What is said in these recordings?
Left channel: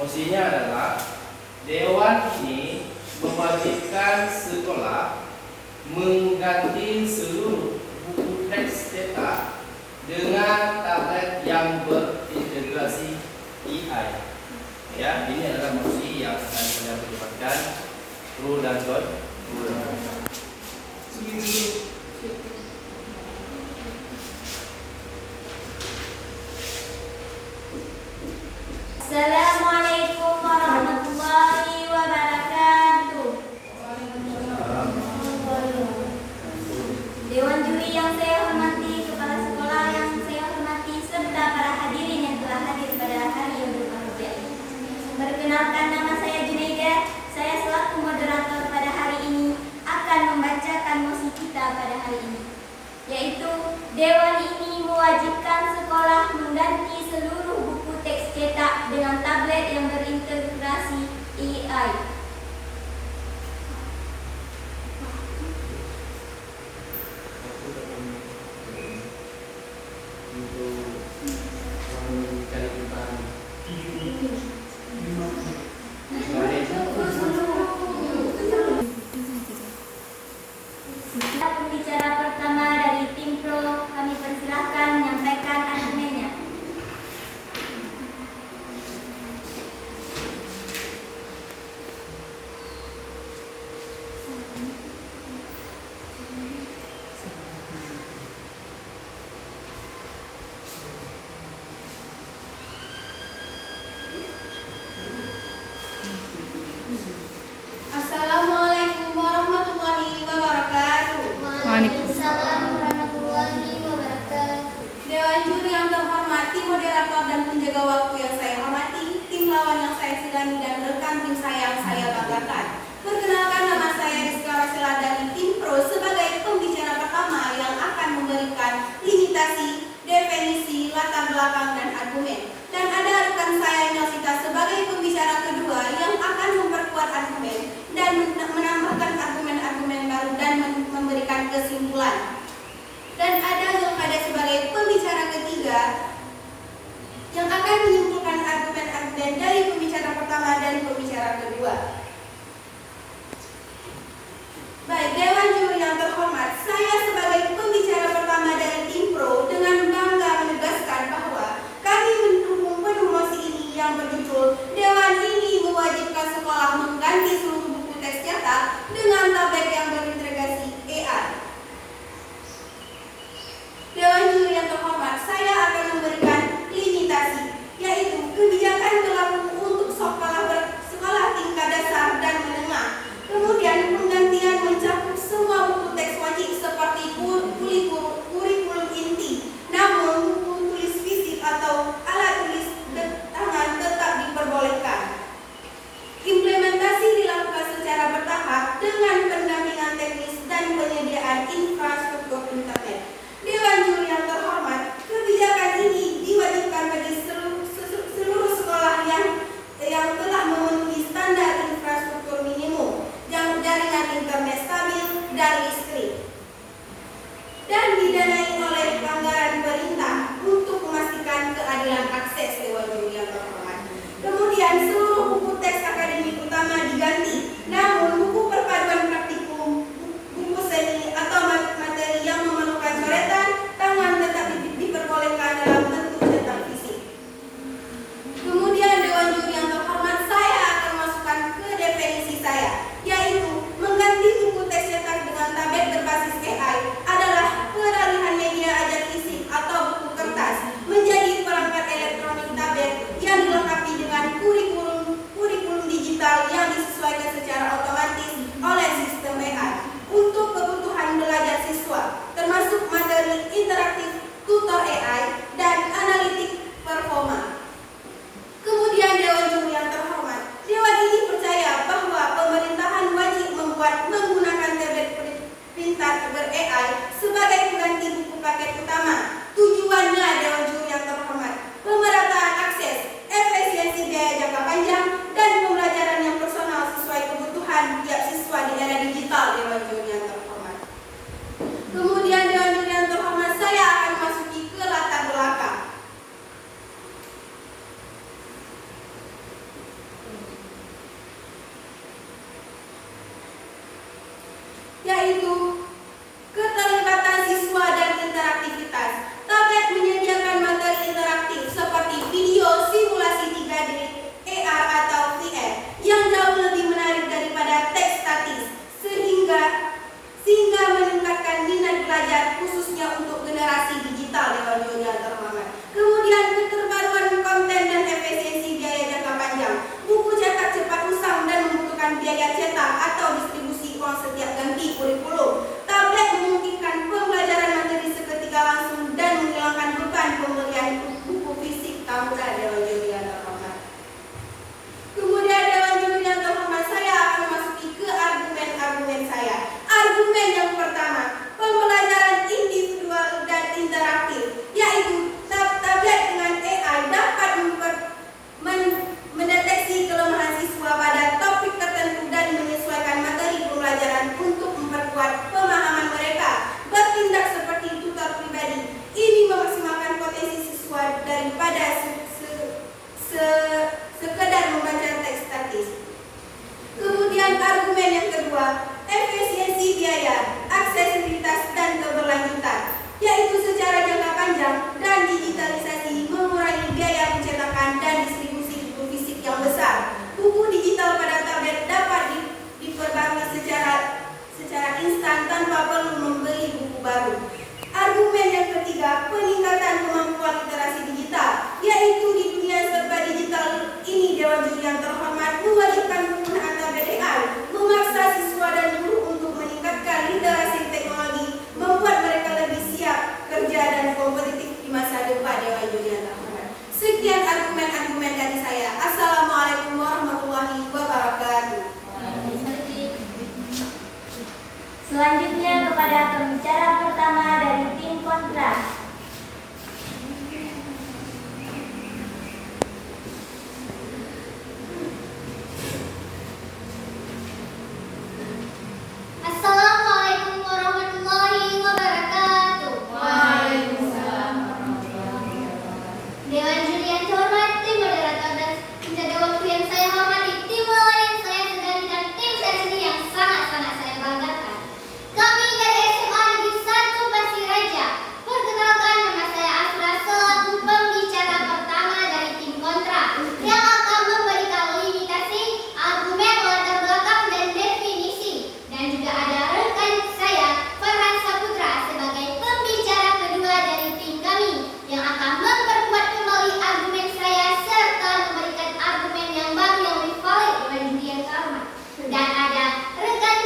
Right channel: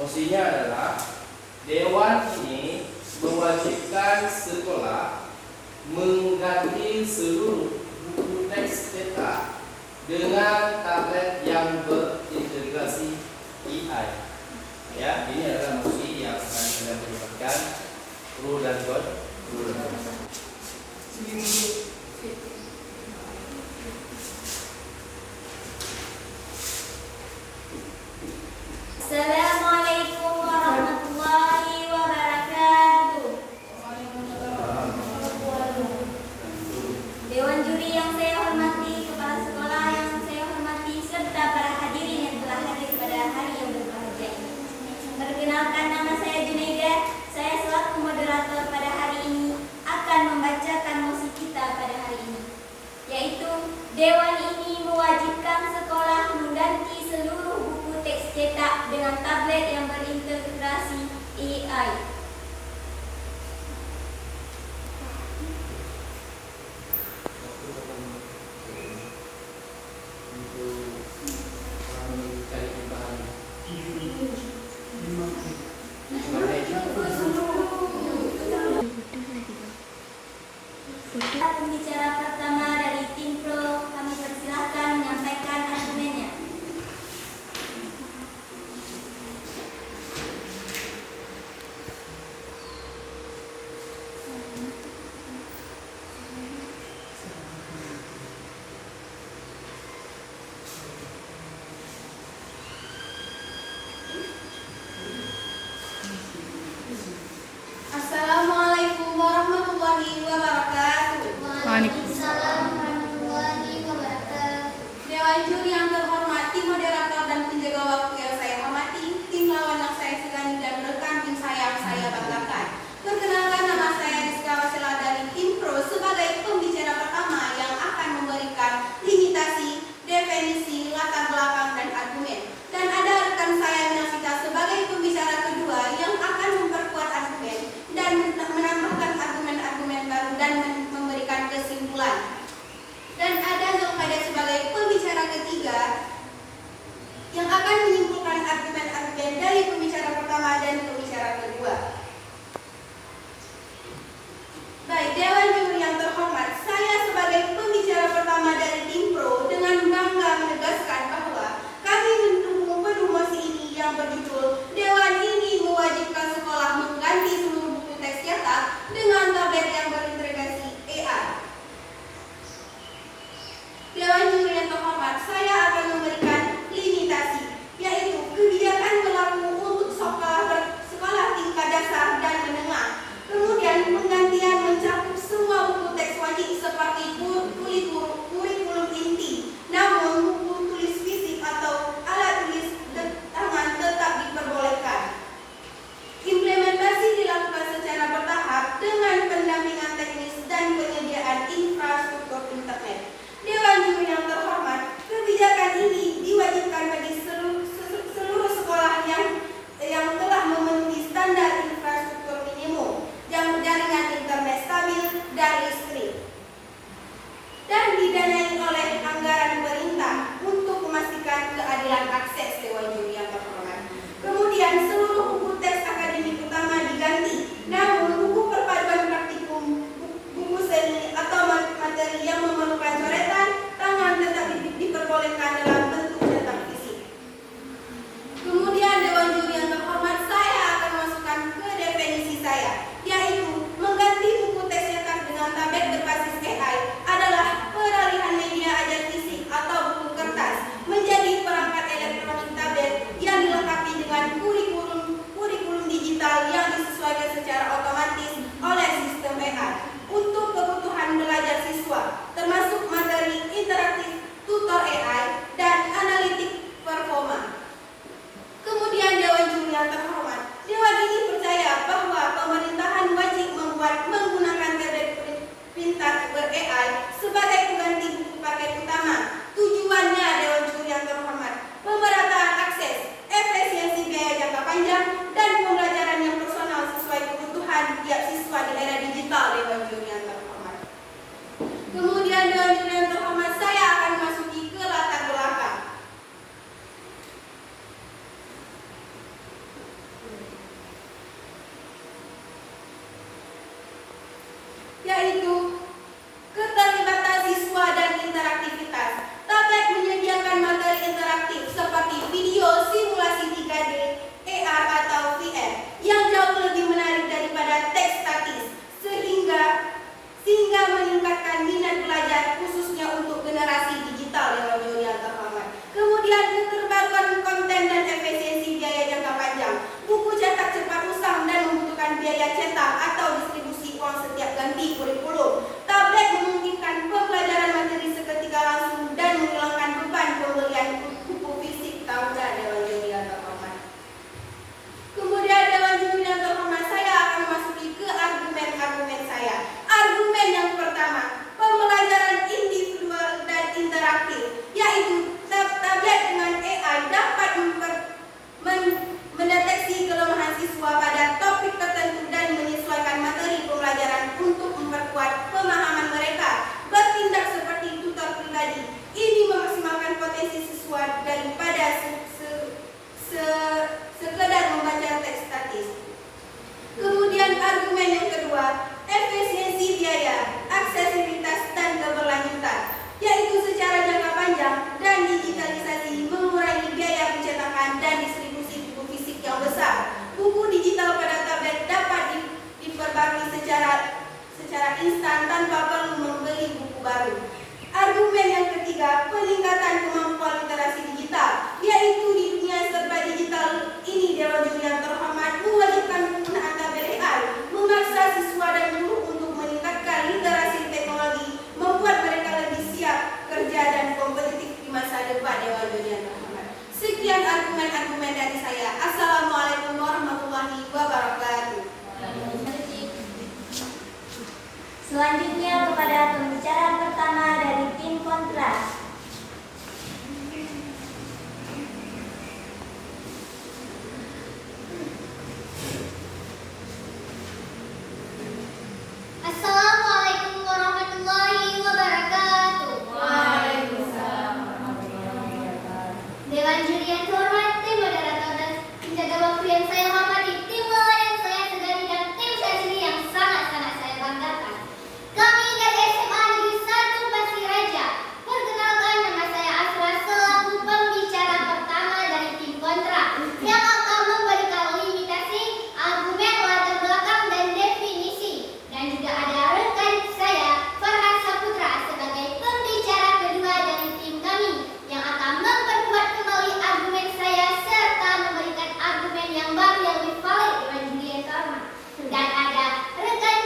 Mosinya adalah Dewan ini mewajibkan sekolah mengganti seluruh buku teks cetak dengan tablet yang berintegrasi AI. Ya, ini adalah mosi yang akan kita perdebatkan pro dan kontra. Assalamualaikum warahmatullahi wabarakatuh. Dewan juri yang saya hormati, kepala sekolah yang saya hormati, serta para hadirin yang telah hadir pada hari yang berbahagia. Perkenalkan, nama saya Junaida. Saya selaku moderator pada hari ini akan membacakan mosi kita pada hari ini, yaitu Dewan ini mewajibkan sekolah mengganti seluruh buku teks cetak dengan tablet yang berintegrasi AI. Pembicara pertama dari tim pro, kami persilahkan menyampaikan argumennya. Assalamualaikum warahmatullahi wabarakatuh. Waalaikumsalam warahmatullahi wabarakatuh. Dewan juri yang terhormati, moderator dan penjaga waktu yang saya hormati, tim lawan yang saya segani dan rekan tim saya banggakan. Perkenalkan, nama saya Rizka Wasila dari tim pro sebagai pembicara pertama yang akan memberikan limitasi, definisi, latar belakang dan argumen. Dan ada rekan saya Nelsita sebagai pembicara kedua yang akan memperkuat argumen dan menambahkan argumen-argumen baru dan memberikan kesimpulan. Dan ada Zulkada sebagai pembicara ketiga yang akan menyimpulkan argumen-argumen dari pembicara pertama dan pembicara kedua. Baik, Dewan juri yang terhormat, saya sebagai pembicara pertama dari tim pro dengan bangga menegaskan bahwa kami mendukung penuh mosi ini yang berjudul Dewan ini mewajibkan sekolah mengganti seluruh buku teks cetak dengan tablet yang berintegrasi AI. Dewan juri yang terhormat, saya akan memberikan limitasi, yaitu kebijakan berlaku untuk sekolah tingkat dasar dan menengah. Kemudian penggantian mencakup semua buku teks wajib seperti kurikulum inti. Namun buku tulis fisik atau alat tulis tangan tetap diperbolehkan. Implementasi dilakukan secara bertahap dengan pendampingan teknis dan penyediaan infrastruktur internet. Dewan juri yang terhormat, kebijakan ini diwajibkan bagi seluruh sekolah yang telah memenuhi standar infrastruktur minimum. Kemudian keterbaruan konten dan efisiensi biaya jangka panjang. Buku cetak cepat usang dan membutuhkan biaya cetak atau distribusi uang setiap ganti kurikulum. Tablet memungkinkan pembelajaran materi seketika langsung dan menghilangkan beban pembelian buku fisik tahunan. Dewan juri yang terhormat. Kemudian Dewan juri yang terhormat, saya akan memasuki ke argumen-argumen saya. Argumen yang pertama, pembelajaran individual dan interaktif, yaitu tablet dengan AI dapat mendeteksi kelemahan siswa pada topik tertentu dan menyesuaikan materi pembelajaran untuk memperkuat pemahaman mereka. Bertindak seperti tutor pribadi, ini memaksimalkan potensi siswa daripada sekedar membaca teks statis. Kemudian argumen yang kedua, efisiensi biaya, aksesibilitas dan keberlanjutan, yaitu secara jangka panjang dan digitalisasi mengurangi biaya pencetakan dan distribusi buku fisik yang besar. Buku digital pada tablet dapat diperbarui secara instan tanpa perlu membeli buku baru. Argumen yang ketiga, peningkatan kemampuan literasi digital, yaitu di dunia serba digital ini Dewan juri yang terhormat mewajibkan penggunaan tablet AI, memaksa siswa dan guru untuk meningkatkan literasi teknologi, membuat mereka lebih siap kerja dan kompetitif di masa depan. Dewan juri yang terhormat. Sekian argumen-argumen dari saya. Assalamualaikum warahmatullahi wabarakatuh. Selanjutnya kepada pembicara pertama dari tim kontra. Assalamualaikum warahmatullahi wabarakatuh. Waalaikumsalam warahmatullahi wabarakatuh. Dewan juri yang terhormat, tim moderator dan penjaga waktu yang saya hormati, tim lawan yang saya segani dan tim saya sendiri yang sangat-sangat saya banggakan. Kami dari SMA Negeri 1 Pasir Raja. Perkenalkan, nama saya Asra selaku pembicara pertama dari tim kontra yang akan memberikan limitasi, argumen, latar belakang dan definisi. Dan juga ada rekan saya Farhan Saputra sebagai pembicara kedua dari tim kami yang akan memperkuat kembali argumen saya serta memberikan argumen yang baru yang lebih valid Dewan juri yang terhormat. Dan ada rekan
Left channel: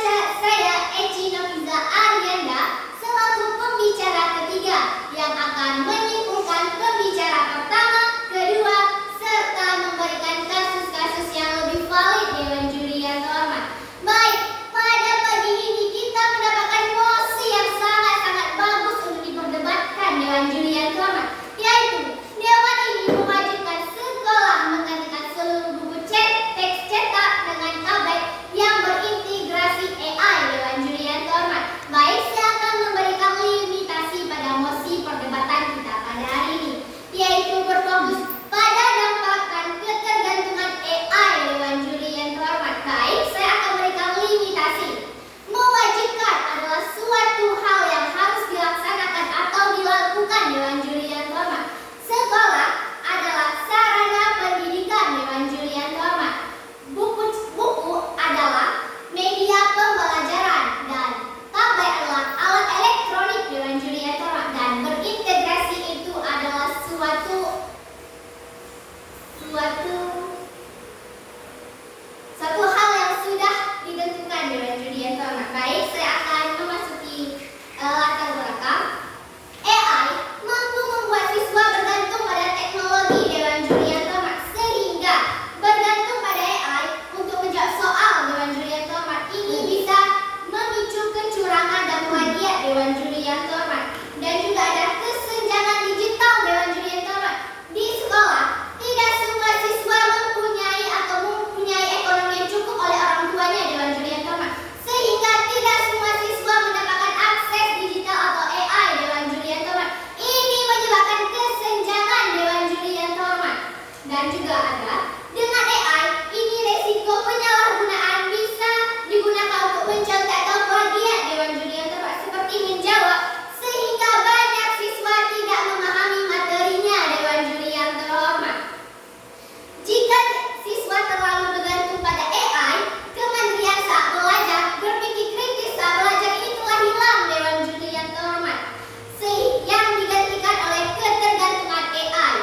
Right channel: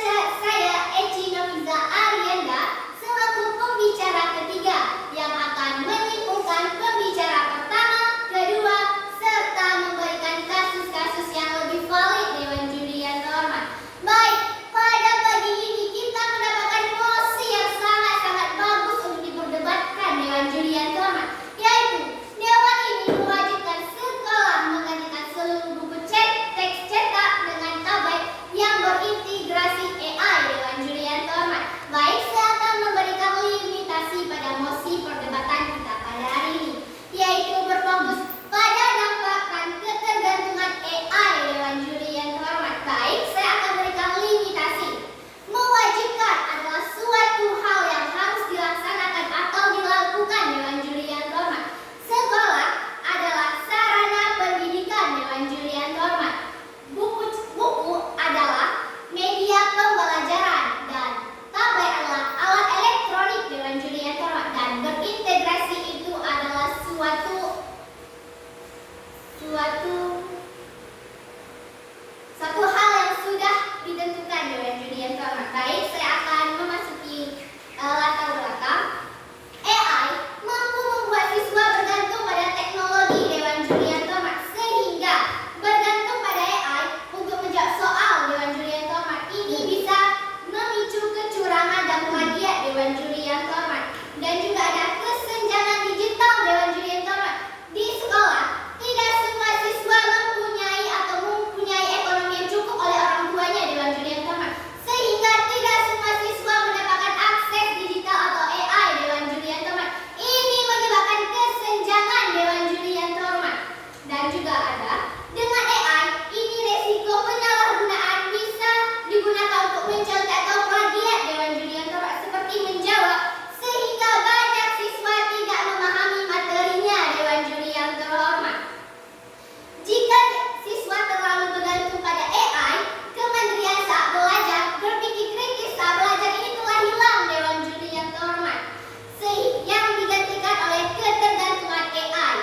saya Eci Noviza Arianda selaku pembicara ketiga yang akan menyimpulkan pembicara pertama, kedua, serta memberikan kasus-kasus yang lebih valid Dewan juri yang terhormat. Baik, pada pagi ini kita mendapatkan mosi yang sangat-sangat bagus untuk diperdebatkan Dewan juri yang terhormat, yaitu Dewan ini mewajibkan sekolah menggantikan seluruh buku teks cetak dengan tablet yang berintegrasi AI Dewan juri yang terhormat. Baik, saya akan memberikan limitasi pada mosi perdebatan kita pada hari ini, yaitu berfokus pada dampak dan ketergantungan AI Dewan juri yang terhormat. Baik, saya akan berikan limitasi. Mewajibkan adalah suatu hal yang harus dilaksanakan atau dilakukan Dewan juri yang terhormat. Sekolah adalah sarana pendidikan Dewan juri yang terhormat. Buku adalah media pembelajaran dan tablet adalah alat elektronik Dewan juri yang terhormat, dan berintegrasi itu adalah suatu hal yang sudah ditentukan Dewan juri yang terhormat. Baik, saya akan memasuki latar belakang. AI mampu membuat siswa bergantung pada teknologi Dewan juri yang terhormat, sehingga bergantung pada AI untuk menjawab soal Dewan juri yang terhormat ini bisa memicu kecurangan dan plagiat Dewan juri yang terhormat. Dan juga ada kesenjangan digital Dewan juri yang terhormat. Di sekolah, tidak semua siswa mempunyai ekonomi yang cukup oleh orang tuanya Dewan juri yang terhormat, sehingga tidak semua siswa mendapatkan akses digital atau AI Dewan juri yang terhormat. Ini menyebabkan kesenjangan Dewan juri yang terhormat. Dan juga ada dengan AI ini resiko penyalahgunaan bisa digunakan untuk mencontek atau plagiat Dewan juri yang terhormat, seperti menjawab sehingga banyak siswa tidak memahami materinya Dewan juri yang terhormat. Jika siswa terlalu bergantung pada AI, kemandirian saat belajar, berpikir kritis saat belajar ini telah hilang Dewan juri yang terhormat, yang digantikan oleh ketergantungan AI.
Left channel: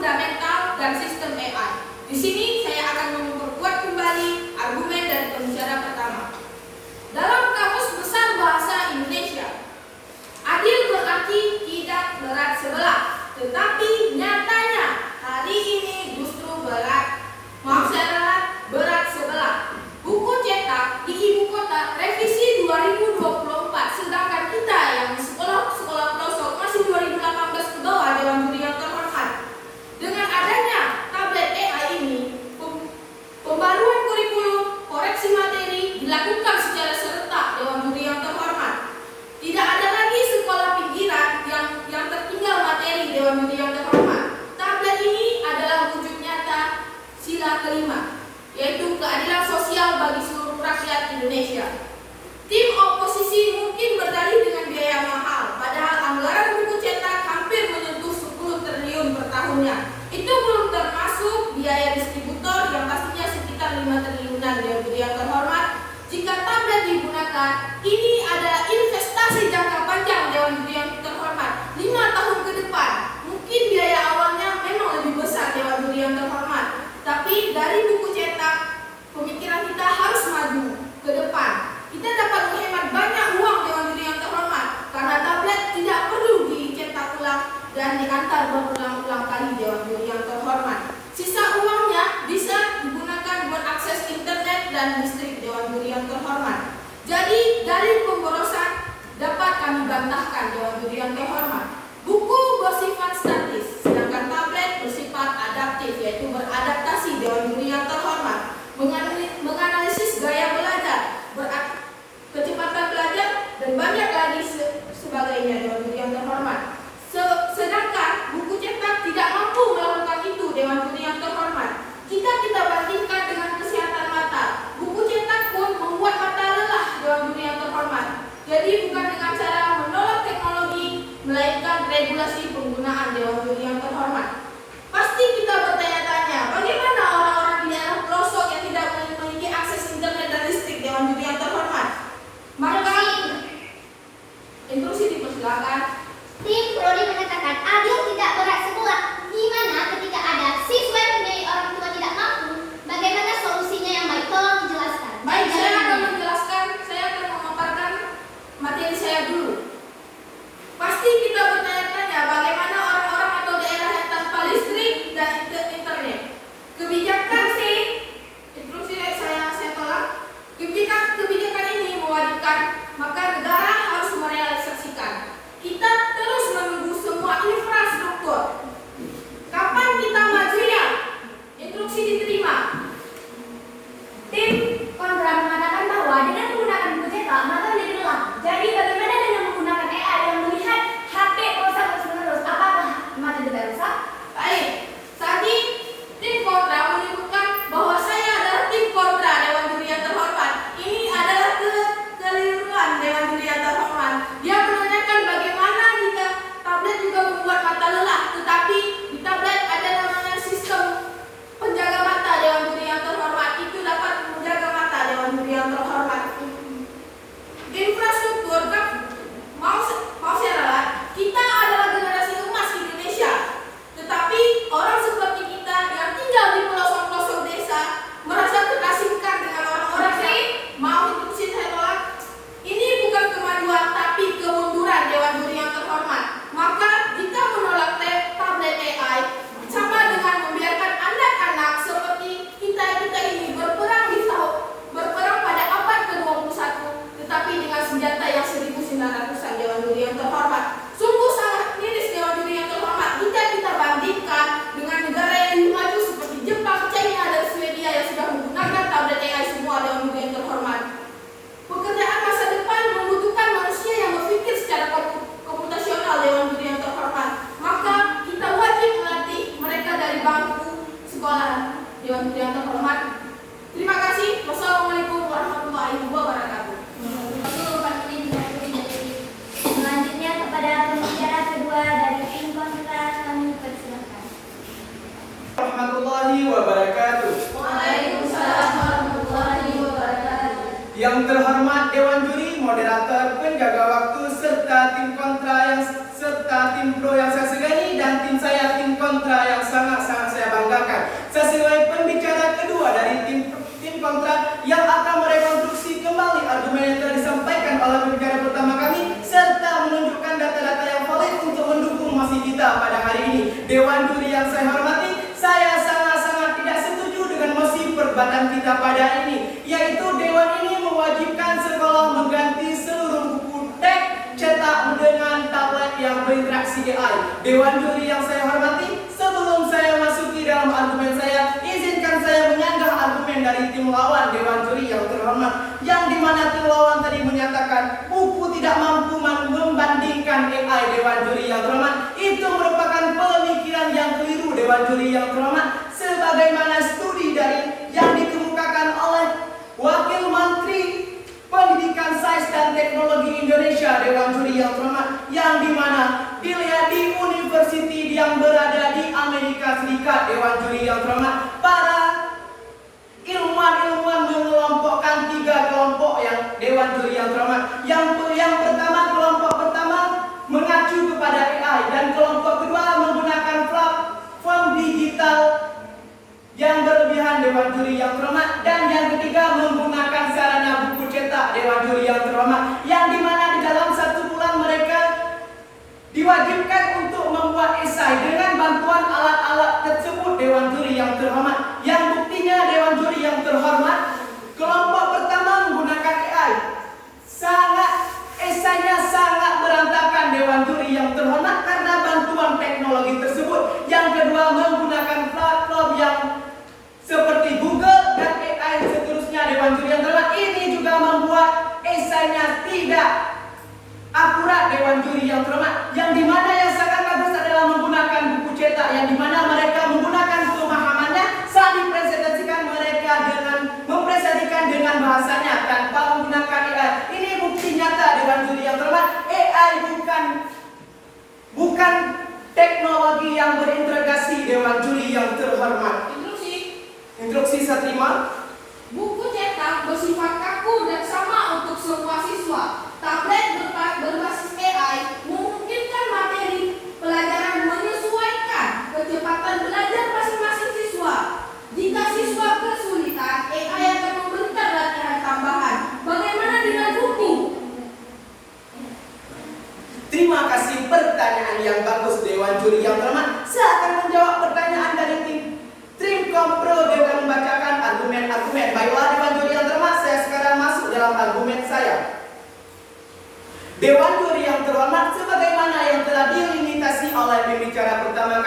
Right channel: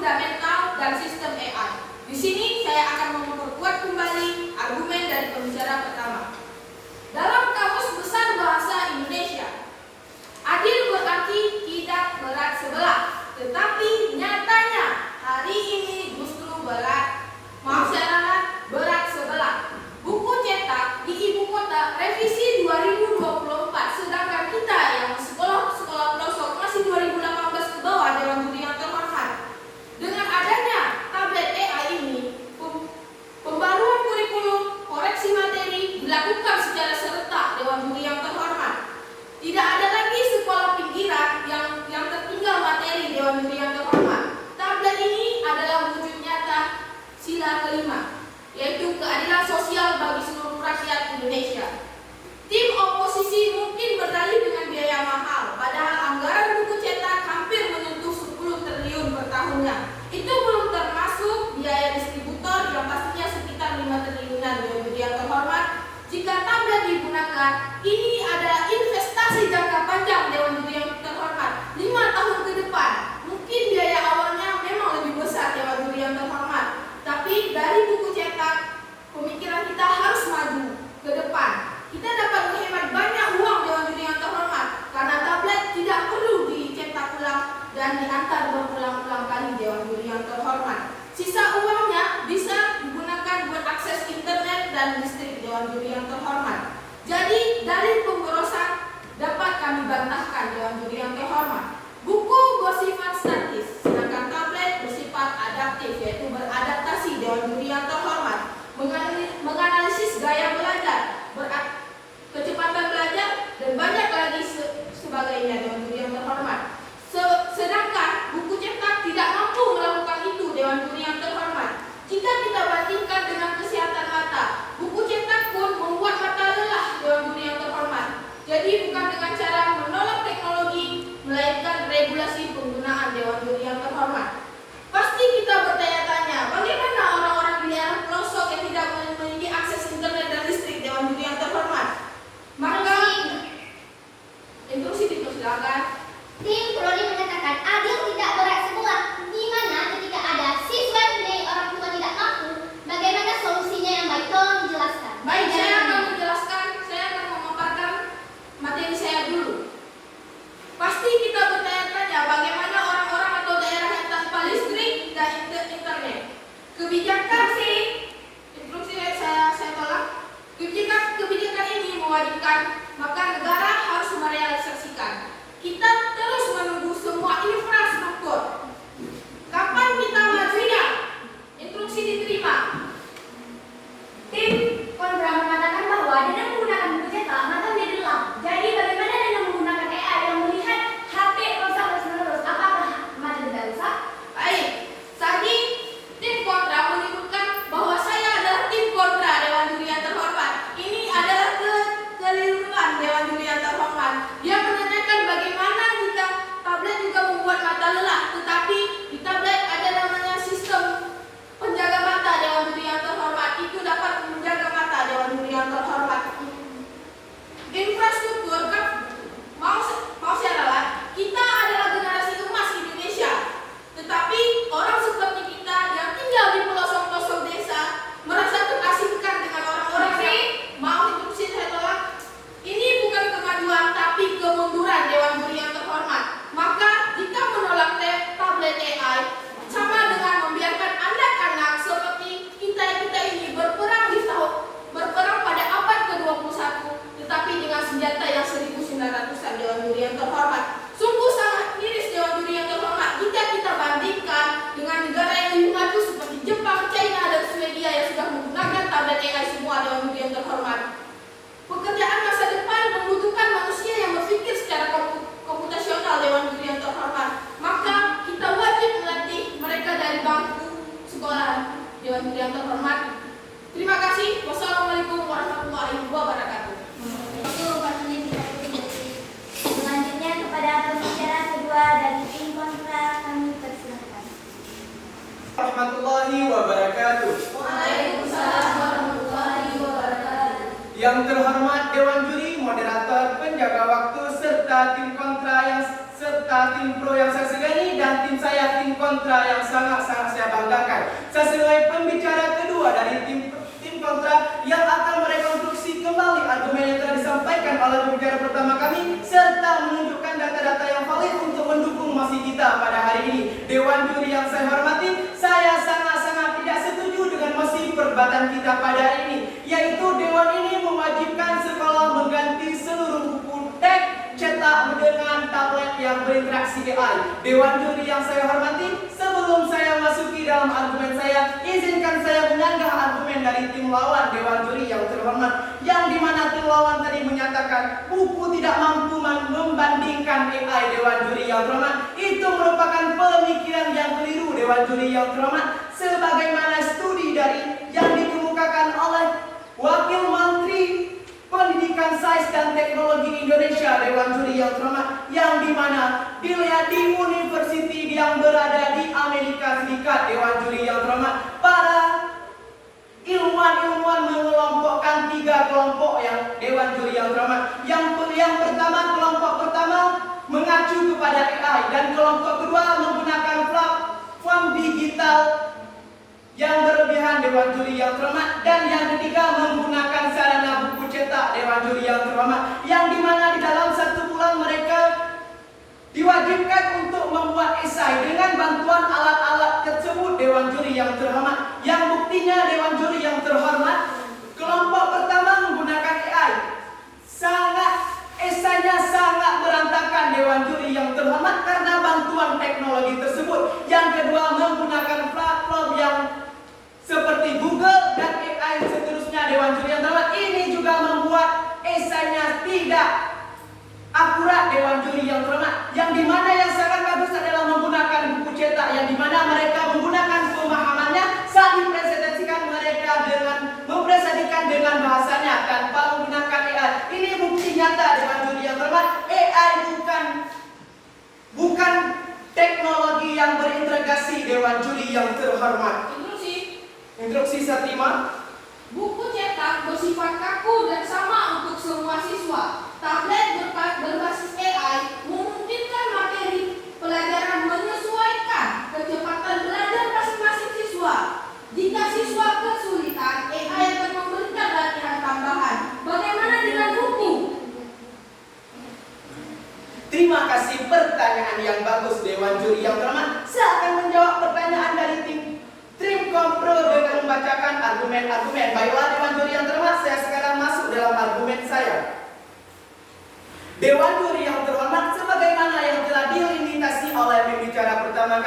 fundamental dan sistem AI. Di sini saya akan memperkuat kembali argumen dari pembicara pertama. Dalam Kamus Besar Bahasa Indonesia, adil berarti tidak berat sebelah, tetapi nyatanya hari ini justru berat sebelah. Buku cetak di ibu kota revisi 2024, sedangkan kita yang sekolah pelosok masih 2018 ke bawah, Dewan Juri yang terhormat. Dengan adanya tablet AI ini, pembaruan kurikulum, koreksi materi dilakukan secara serentak, Dewan Juri yang terhormat. Tidak ada lagi sekolah pinggiran yang tertinggal materi, Dewan Juri yang terhormat. Tablet ini adalah wujud nyata sila kelima, yaitu keadilan sosial bagi seluruh rakyat Indonesia. Tim oposisi mungkin berdalih dengan biaya mahal, padahal anggaran buku cetak hampir menyentuh 10 triliun per tahunnya. Itu belum termasuk biaya distributor yang pastinya sekitar 5 triliunan, Dewan Juri yang terhormat. Jika tablet digunakan, ini adalah investasi jangka panjang, Dewan Juri yang terhormat, 5 tahun ke depan. Mungkin biaya awalnya memang lebih besar, Dewan Juri yang terhormat, tapi dari buku cetak, pemikiran kita harus maju ke depan. Kita dapat menghemat banyak uang, Dewan Juri yang terhormat, karena tablet tidak perlu dicetak ulang dan diantar berulang-ulang kali, Dewan Juri yang terhormat. Sisa uangnya bisa digunakan buat akses internet dan listrik, Dewan Juri yang terhormat. Jadi dalil pemborosan dapat kami bantahkan, Dewan Juri yang terhormat. Buku bersifat statis, sedangkan tablet bersifat adaptif, yaitu beradaptasi, Dewan Juri yang terhormat. Menganalisis gaya belajar, kecepatan belajar, dan banyak lagi sebagainya, Dewan Juri yang terhormat. Sedangkan buku cetak tidak mampu melakukan itu, Dewan Juri yang terhormat. Jika kita bandingkan dengan kesehatan mata, buku cetak pun membuat mata lelah, Dewan Juri yang terhormat. Jadi bukan dengan cara menolak teknologi, melainkan regulasi penggunaan, Dewan Juri yang terhormat. Pasti kita bertanya-tanya, bagaimana orang-orang di daerah pelosok yang tidak memiliki akses internet dan listrik, Dewan Juri yang terhormat? Maka instruksi dipersilakan. Tim Prodi mengatakan adil tidak berat sebelah, di mana ketika ada siswa yang mempunyai orang tua tidak mampu, bagaimana solusinya yang baik? Tolong dijelaskan. Baik, saya akan menjelaskan, saya akan memaparkan materi saya dulu. Pasti kita bertanya-tanya bagaimana orang-orang atau daerah yang tanpa listrik dan internet. Kebijakan instruksi saya tolak. Kebijakan ini mewajibkan, maka negara harus merealisasikan. Kita terus menunggu semua infrastruktur. Kapan kita majunya? Instruksi diterima. Tim kontra mengatakan bahwa dengan menggunakan buku cetak mata menjadi lelah. Jadi bagaimana dengan menggunakan AI yang melihat HP rusak terus-menerus? Apakah mata tidak rusak? Baik, tadi tim kontra menyebutkan bahwa saya adalah tim kontra, Dewan Juri yang terhormat. Ini adalah kekeliruan, Dewan Juri yang terhormat. Dia menanyakan bagaimana jika tablet juga membuat mata lelah, tetapi di tablet ada namanya sistem penjaga mata, Dewan Juri yang terhormat. Itu dapat menjaga mata, Dewan Juri yang terhormat. Infrastruktur mau saya ralat, kita adalah generasi emas Indonesia. Tetapi orang seperti kita yang tinggal di pelosok-pelosok desa merasa terasingkan dengan orang-orang yang mau instruksi saya tolak. Ini bukan kemajuan tapi kemunduran, Dewan Juri yang terhormat. Maka jika menolak tablet AI sama dengan membiarkan anak-anak seperti kita ini berperang pada abad ke-21, tetapi dengan senjata yang 1900-an, Dewan Juri yang terhormat. Sungguh sangat miris, Dewan Juri yang terhormat, jika kita bandingkan dengan negara yang lebih maju seperti Jepang, China, dan Swedia yang sudah menggunakan tablet AI semua, Dewan Juri yang terhormat. Pekerjaan masa depan membutuhkan manusia yang berpikir secara komputasional, Dewan Juri yang terhormat. Maka kita wajib melatih mereka dari bangku sekolah, Dewan Juri yang terhormat. Terima kasih. Wassalamualaikum warahmatullahi wabarakatuh. Selanjutnya kepada pembicara kedua dari tim kontra kami persilakan. Warahmatullahi wabarakatuh. Waalaikumsalam warahmatullahi wabarakatuh. Yang terhormat Dewan Juri, moderator, penjaga waktu, serta tim kontra yang serta tim pro yang saya segani dan tim saya tim kontra yang sangat-sangat saya banggakan. Sesuai pembicara kedua dari tim kontra yang akan merekonstruksi kembali argumen yang telah disampaikan oleh pembicara pertama kami serta menunjukkan data-data yang valid untuk mendukung mosi kita pada hari ini. Dewan juri yang saya hormati, saya sangat-sangat tidak setuju dengan mosi perdebatan kita pada hari ini, yaitu dewan ini mewajibkan sekolah mengganti seluruh buku teks cetak dengan tablet yang berinteraksi AI. Dewan juri yang saya hormati, sebelum saya masuki dalam argumen saya, izinkan saya menyanggah argumen dari tim lawan dewan juri yang terhormat, yang dimana tim lawan tadi menyatakan buku tidak mampu membandingkan AI. Dewan juri yang terhormat, itu merupakan pemikiran yang keliru. Dewan juri yang terhormat, sebagaimana studi dari yang dikemukakan oleh Wakil Menteri Pendidikan, Sains dan Teknologi Indonesia, Dewan juri yang terhormat, yang dimana dilihat di university yang berada di Amerika Serikat. Dewan juri yang terhormat, para ilmuwan mengelompokkan 3 kelompok yang dewan juri yang terhormat. Yang pertama, kelompok pertama mengacu kepada AI, dan kelompok kedua menggunakan platform digital yang berlebihan. Dewan juri yang terhormat, dan yang ketiga menggunakan sarana buku cetak. Dewan juri yang terhormat, yang dimana di dalam 1 bulan mereka diwajibkan untuk membuat esai dengan bantuan alat-alat tersebut. Dewan juri yang terhormat, yang buktinya dewan juri yang terhormat, kelompok pertama menggunakan AI, esainya sangat berantakan. Dewan juri yang terhormat, karena bantuan teknologi tersebut. Yang kedua menggunakan platform yang seperti Google dan AI seterusnya. Dewan juri yang terhormat, ini juga membuat esainya tidak akurat. Dewan juri yang terhormat, yang dimana yang sangat bagus adalah menggunakan buku cetak, yang dimana mereka menggunakan pemahamannya saat dipresentasikan mereka mempresentasikan dengan bahasanya tanpa menggunakan AI. Ini bukti nyata. Dewan juri yang terhormat, AI bukan teknologi yang berintegrasi. Dewan juri yang terhormat, instruksi saya terima. Buku cetak bersifat kaku dan sama untuk semua siswa. Tablet berbasis AI memungkinkan materi pelajaran menyesuaikan kecepatan belajar masing-masing siswa. Jika siswa kesulitan, AI akan memberikan latihan tambahan. Bagaimana dengan buku? Terima kasih, pertanyaan yang bagus Dewan juri yang terhormat. Saya akan menjawab pertanyaan dari tim kompro dengan membacakan argumen-argumen. Baiklah Dewan juri yang terhormat, saya sekarang masuk dalam argumen saya. Dewan juri yang terhormat, sebagaimana yang telah dilimitasi oleh pembicara pertama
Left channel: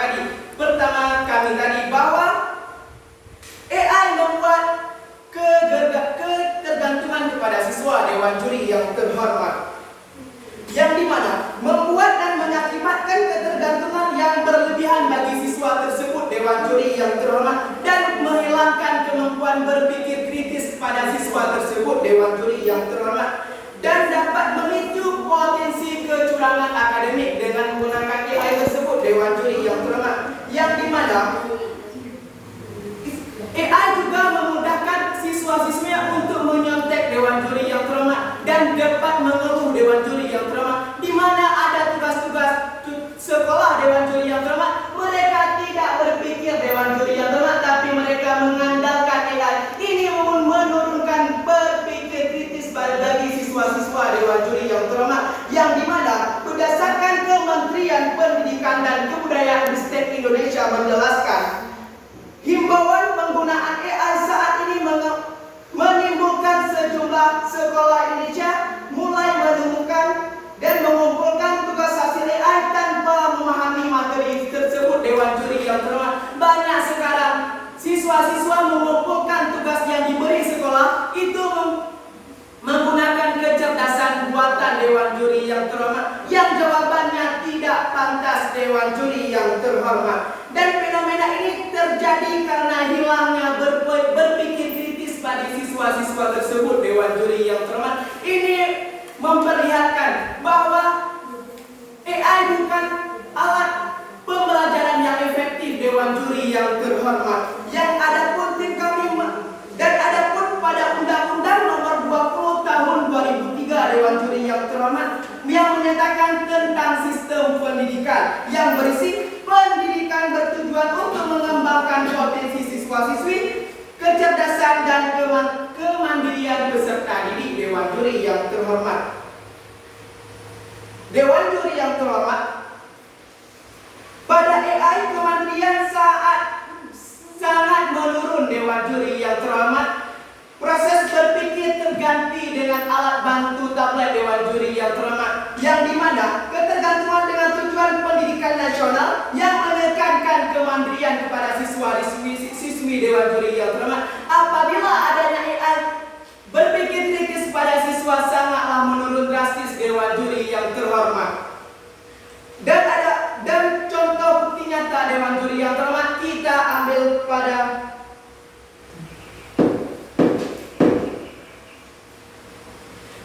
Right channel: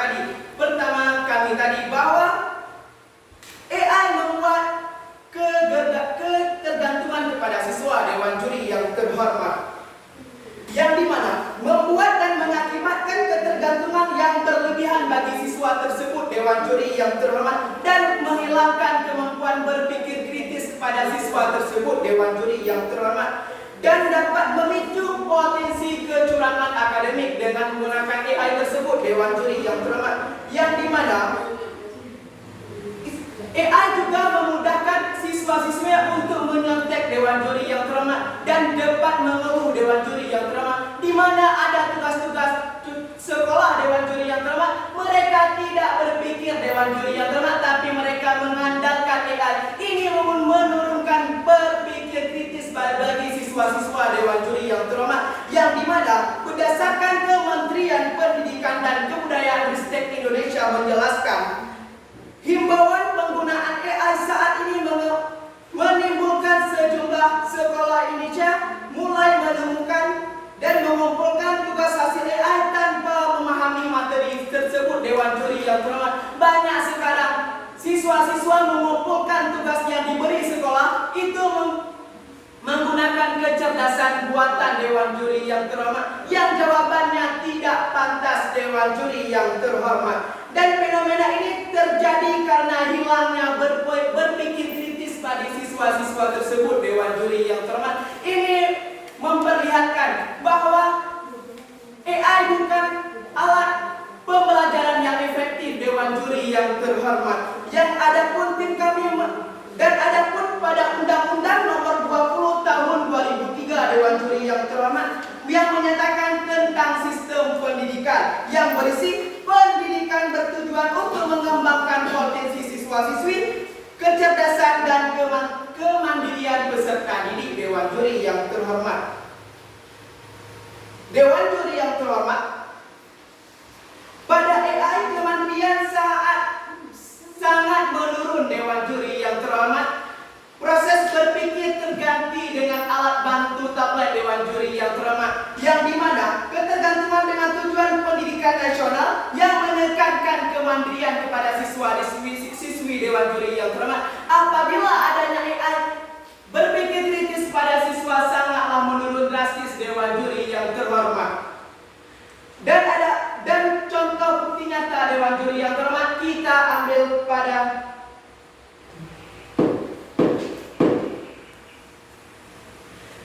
kami tadi, bahwa AI membuat ketergantungan kepada siswa. Dewan juri yang terhormat, yang dimana membuat dan mengakibatkan ketergantungan yang berlebihan bagi siswa tersebut. Dewan juri yang terhormat, dan menghilangkan kemampuan berpikir kritis pada siswa tersebut. Dewan juri yang terhormat, dan dapat memicu potensi kecurangan akademik dengan menggunakan AI tersebut. Dewan juri yang terhormat, yang dimana AI juga memudahkan siswa-siswa untuk menyontek. Dewan juri yang terhormat, dan dapat mengeluh. Dewan juri yang terhormat, di mana ada tugas-tugas sekolah. Dewan juri yang terhormat, mereka tidak berpikir. Dewan juri yang terhormat, tapi mereka mengandalkan AI. Ini menurunkan berpikir kritis bagi siswa-siswa. Dewan juri yang terhormat, yang dimana berdasarkan Kementerian Pendidikan dan Kebudayaan Ristek Indonesia menjelaskan, himbauan penggunaan AI saat ini menimbulkan sejumlah sekolah Indonesia mulai menemukan dan mengumpulkan tugas hasil AI tanpa memahami materi tersebut. Dewan juri yang terhormat, banyak sekarang siswa-siswa mengumpulkan tugas yang diberi sekolah itu menggunakan kecerdasan buatan. Dewan juri yang terhormat, yang jawabannya tidak pantas. Dewan juri yang terhormat, dan fenomena ini terjadi karena hilangnya berpikir kritis pada siswa-siswa tersebut. Dewan juri yang terhormat, ini memperlihatkan bahwa AI bukan alat pembelajaran yang efektif. Dewan juri yang terhormat, yang adapun tim kami dan adapun pada Undang-Undang Nomor 20 Tahun 2003 Dewan juri yang terhormat, yang menyatakan tentang sistem pendidikan yang berisi pendidikan bertujuan untuk siswa-siswi, kecerdasan dan kemandirian peserta didik Dewan Juri yang terhormat. Dewan Juri yang terhormat, pada AI kemandirian sangat menurun Dewan Juri yang terhormat. Proses berpikir terganti dengan alat bantu tablet Dewan Juri yang terhormat, yang dimana ketergantungan dengan tujuan pendidikan nasional yang menekankan kemandirian kepada siswi Dewan Juri yang terhormat. Apabila adanya AI berpikir kritis pada siswa sangatlah menurun drastis Dewan Juri yang terhormat. Dan contoh bukti nyata Dewan Juri yang terhormat kita ambil pada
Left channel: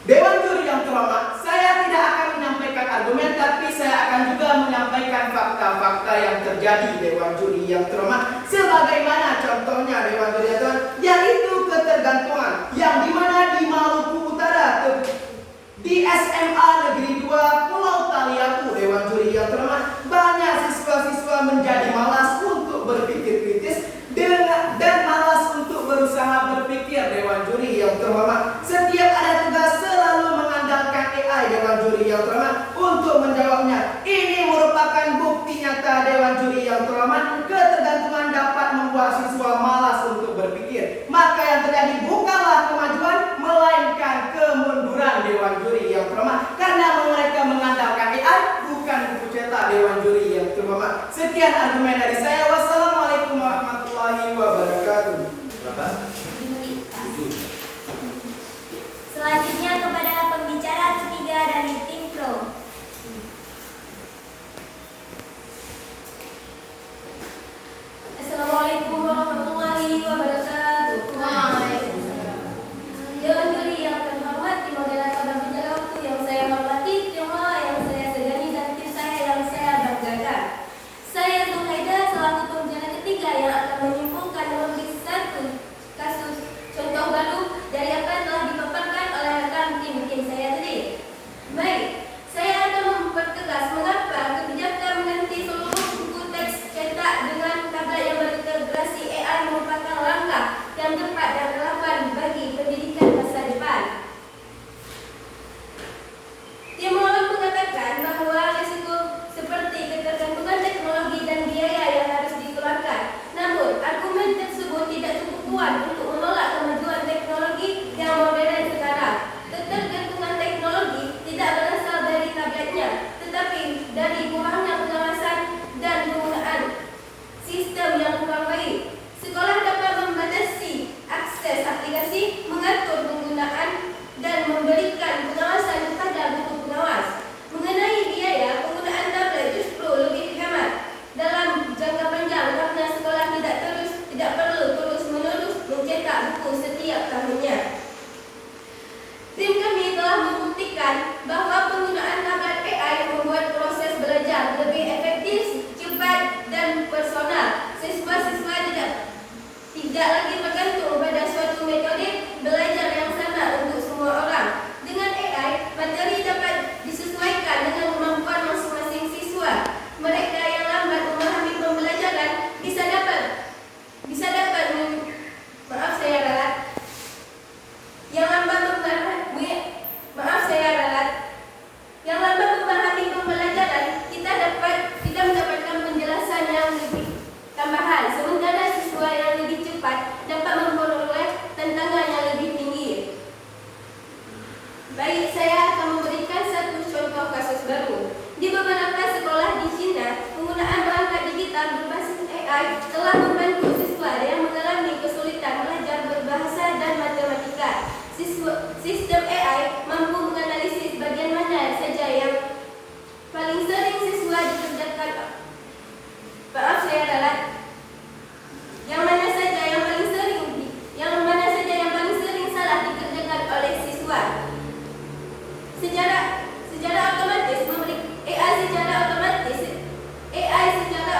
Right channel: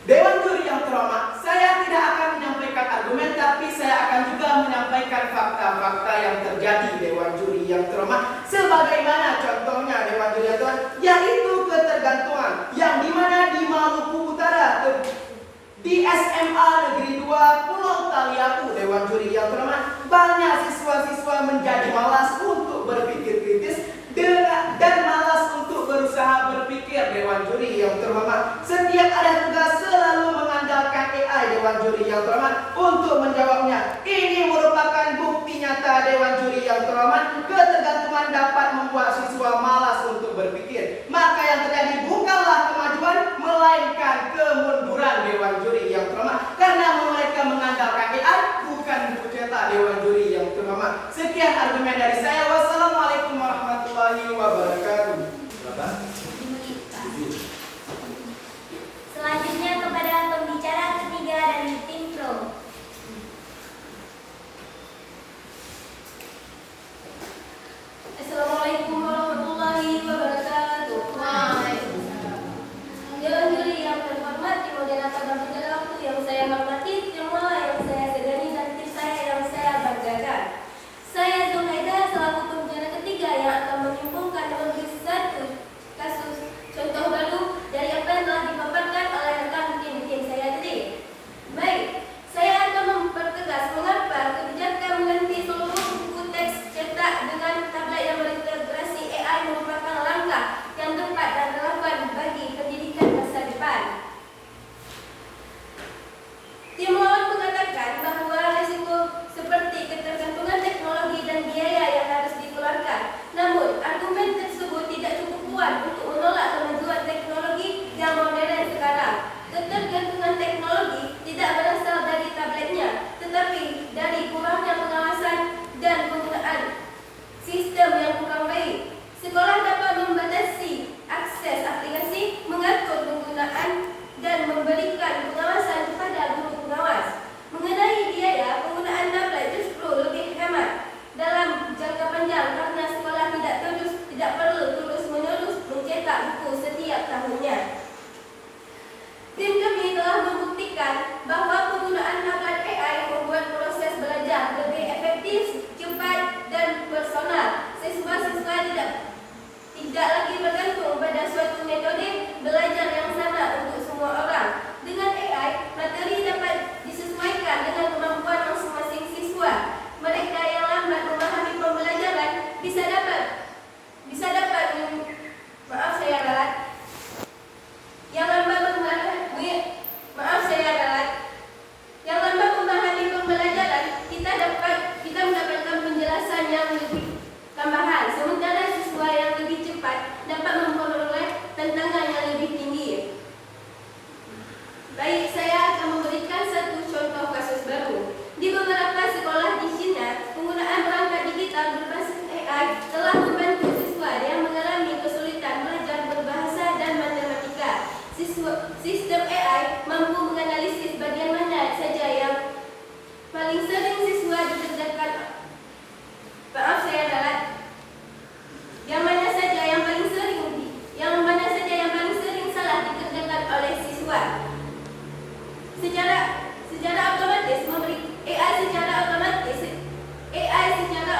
Dewan Juri yang terhormat. Saya tidak akan menyampaikan argumen, tapi saya akan juga menyampaikan fakta-fakta yang terjadi Dewan Juri yang terhormat. Sebagaimana contohnya Dewan Juri yang terhormat, yaitu ketergantungan yang dimana di Maluku Utara, di SMA Negeri 2 Pulau Taliabu, Dewan Juri yang terhormat, banyak siswa-siswa menjadi malas untuk berpikir kritis dan malas untuk berusaha berpikir Dewan Juri yang terhormat. Setiap ada tugas selalu mengandalkan AI Dewan Juri yang terhormat untuk menjawabnya. Ini merupakan bukti nyata Dewan Juri yang terhormat. Ketergantungan dapat membuat siswa malas untuk berpikir. Maka yang terjadi bukanlah kemajuan, melainkan kemunduran Dewan Juri yang terhormat. Karena mereka mengandalkan AI, bukan buku cetak Dewan Juri yang terhormat. Sekian argumen dari saya. Wassalamualaikum warahmatullahi wabarakatuh. Selanjutnya kepada pembicara ketiga dari tim Pro. Assalamualaikum warahmatullahi wabarakatuh. Waalaikumsalam. Dewan Juri yang terhormat, tim moderator dan penjaga waktu yang saya hormati, tim lola yang saya segani dan tim saya yang saya banggakan. Saya Zulhaida selaku pembicara ketiga yang akan menyimpulkan lebih satu kasus contoh baru dari apa yang telah dipaparkan oleh rekan tim saya tadi. Baik, saya akan mempertegas mengapa kebijakan mengganti seluruh buku teks cetak dengan tablet yang berintegrasi AI merupakan langkah yang tepat dan relevan bagi pendidikan masa depan. Tim lawan mengatakan bahwa risiko seperti ketergantungan teknologi dan biaya yang harus dikeluarkan. Namun, argumen tersebut tidak cukup kuat untuk menolak kemajuan teknologi yang modern sekarang. Ketergantungan teknologi tidak berasal dari tabletnya, tetapi dari kurangnya pengawasan dan penggunaan sistem yang kurang baik. Sekolah dapat membatasi akses aplikasi, mengatur penggunaan, dan memberikan pengawasan kepada guru pengawas. Mengenai biaya, penggunaan tablet justru lebih hemat dalam jangka panjang karena sekolah tidak perlu terus-menerus mencetak buku setiap tahunnya. Tim kami telah membuktikan bahwa penggunaan tablet AI membuat proses belajar lebih efektif, cepat, dan personal. Siswa-siswa tidak lagi bergantung pada suatu metode belajar yang sama untuk semua orang. Dengan AI, materi dapat disesuaikan dengan kemampuan masing-masing siswa. Mereka yang lambat memahami pembelajaran bisa dapat memahami pembelajaran, kita mendapatkan penjelasan yang lebih tambahan, sementara siswa yang lebih cepat dapat memperoleh tantangan yang lebih tinggi. Baik, saya akan memberikan satu contoh kasus baru. Di beberapa sekolah di China, penggunaan perangkat digital berbasis AI telah membantu siswa yang mengalami kesulitan belajar berbahasa dan matematika. Sistem AI mampu menganalisis bagian mana saja yang paling sering siswa dikerjakan. Yang mana saja yang paling sering salah dikerjakan oleh siswa. Secara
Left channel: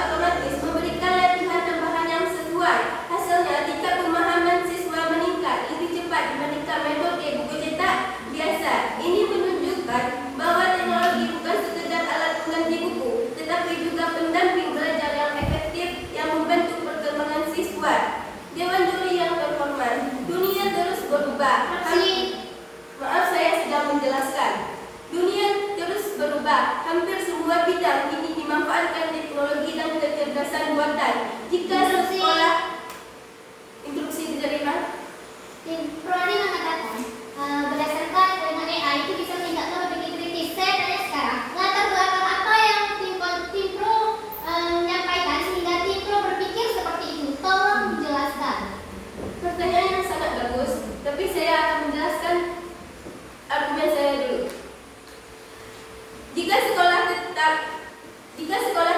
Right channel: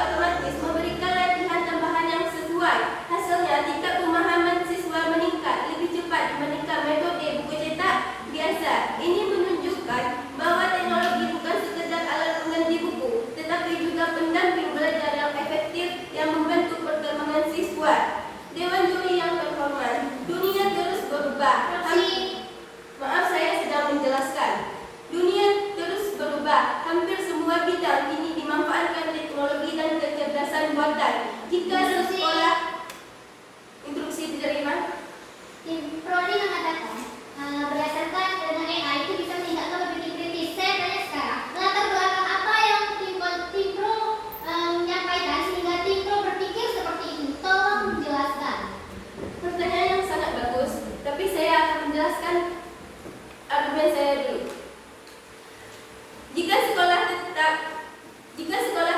otomatis memberikan latihan tambahan yang sesuai. Hasilnya, tingkat pemahaman siswa meningkat lebih cepat dibandingkan metode buku cetak biasa. Ini menunjukkan bahwa teknologi bukan sekadar alat pengganti gagasan buatan. Jika sekolah instruksi diterima, Tim Pro ini mengatakan berdasarkan ilmu AI itu bisa meningkatkan berpikir kritis. Saya tanya sekarang, latar belakang apa yang tim Pro menyampaikan sehingga tim Pro berpikir seperti itu? Tolong menjelaskan. pertanyaan yang sangat bagus, tapi saya akan menjelaskan argumen saya dulu. Jika sekolah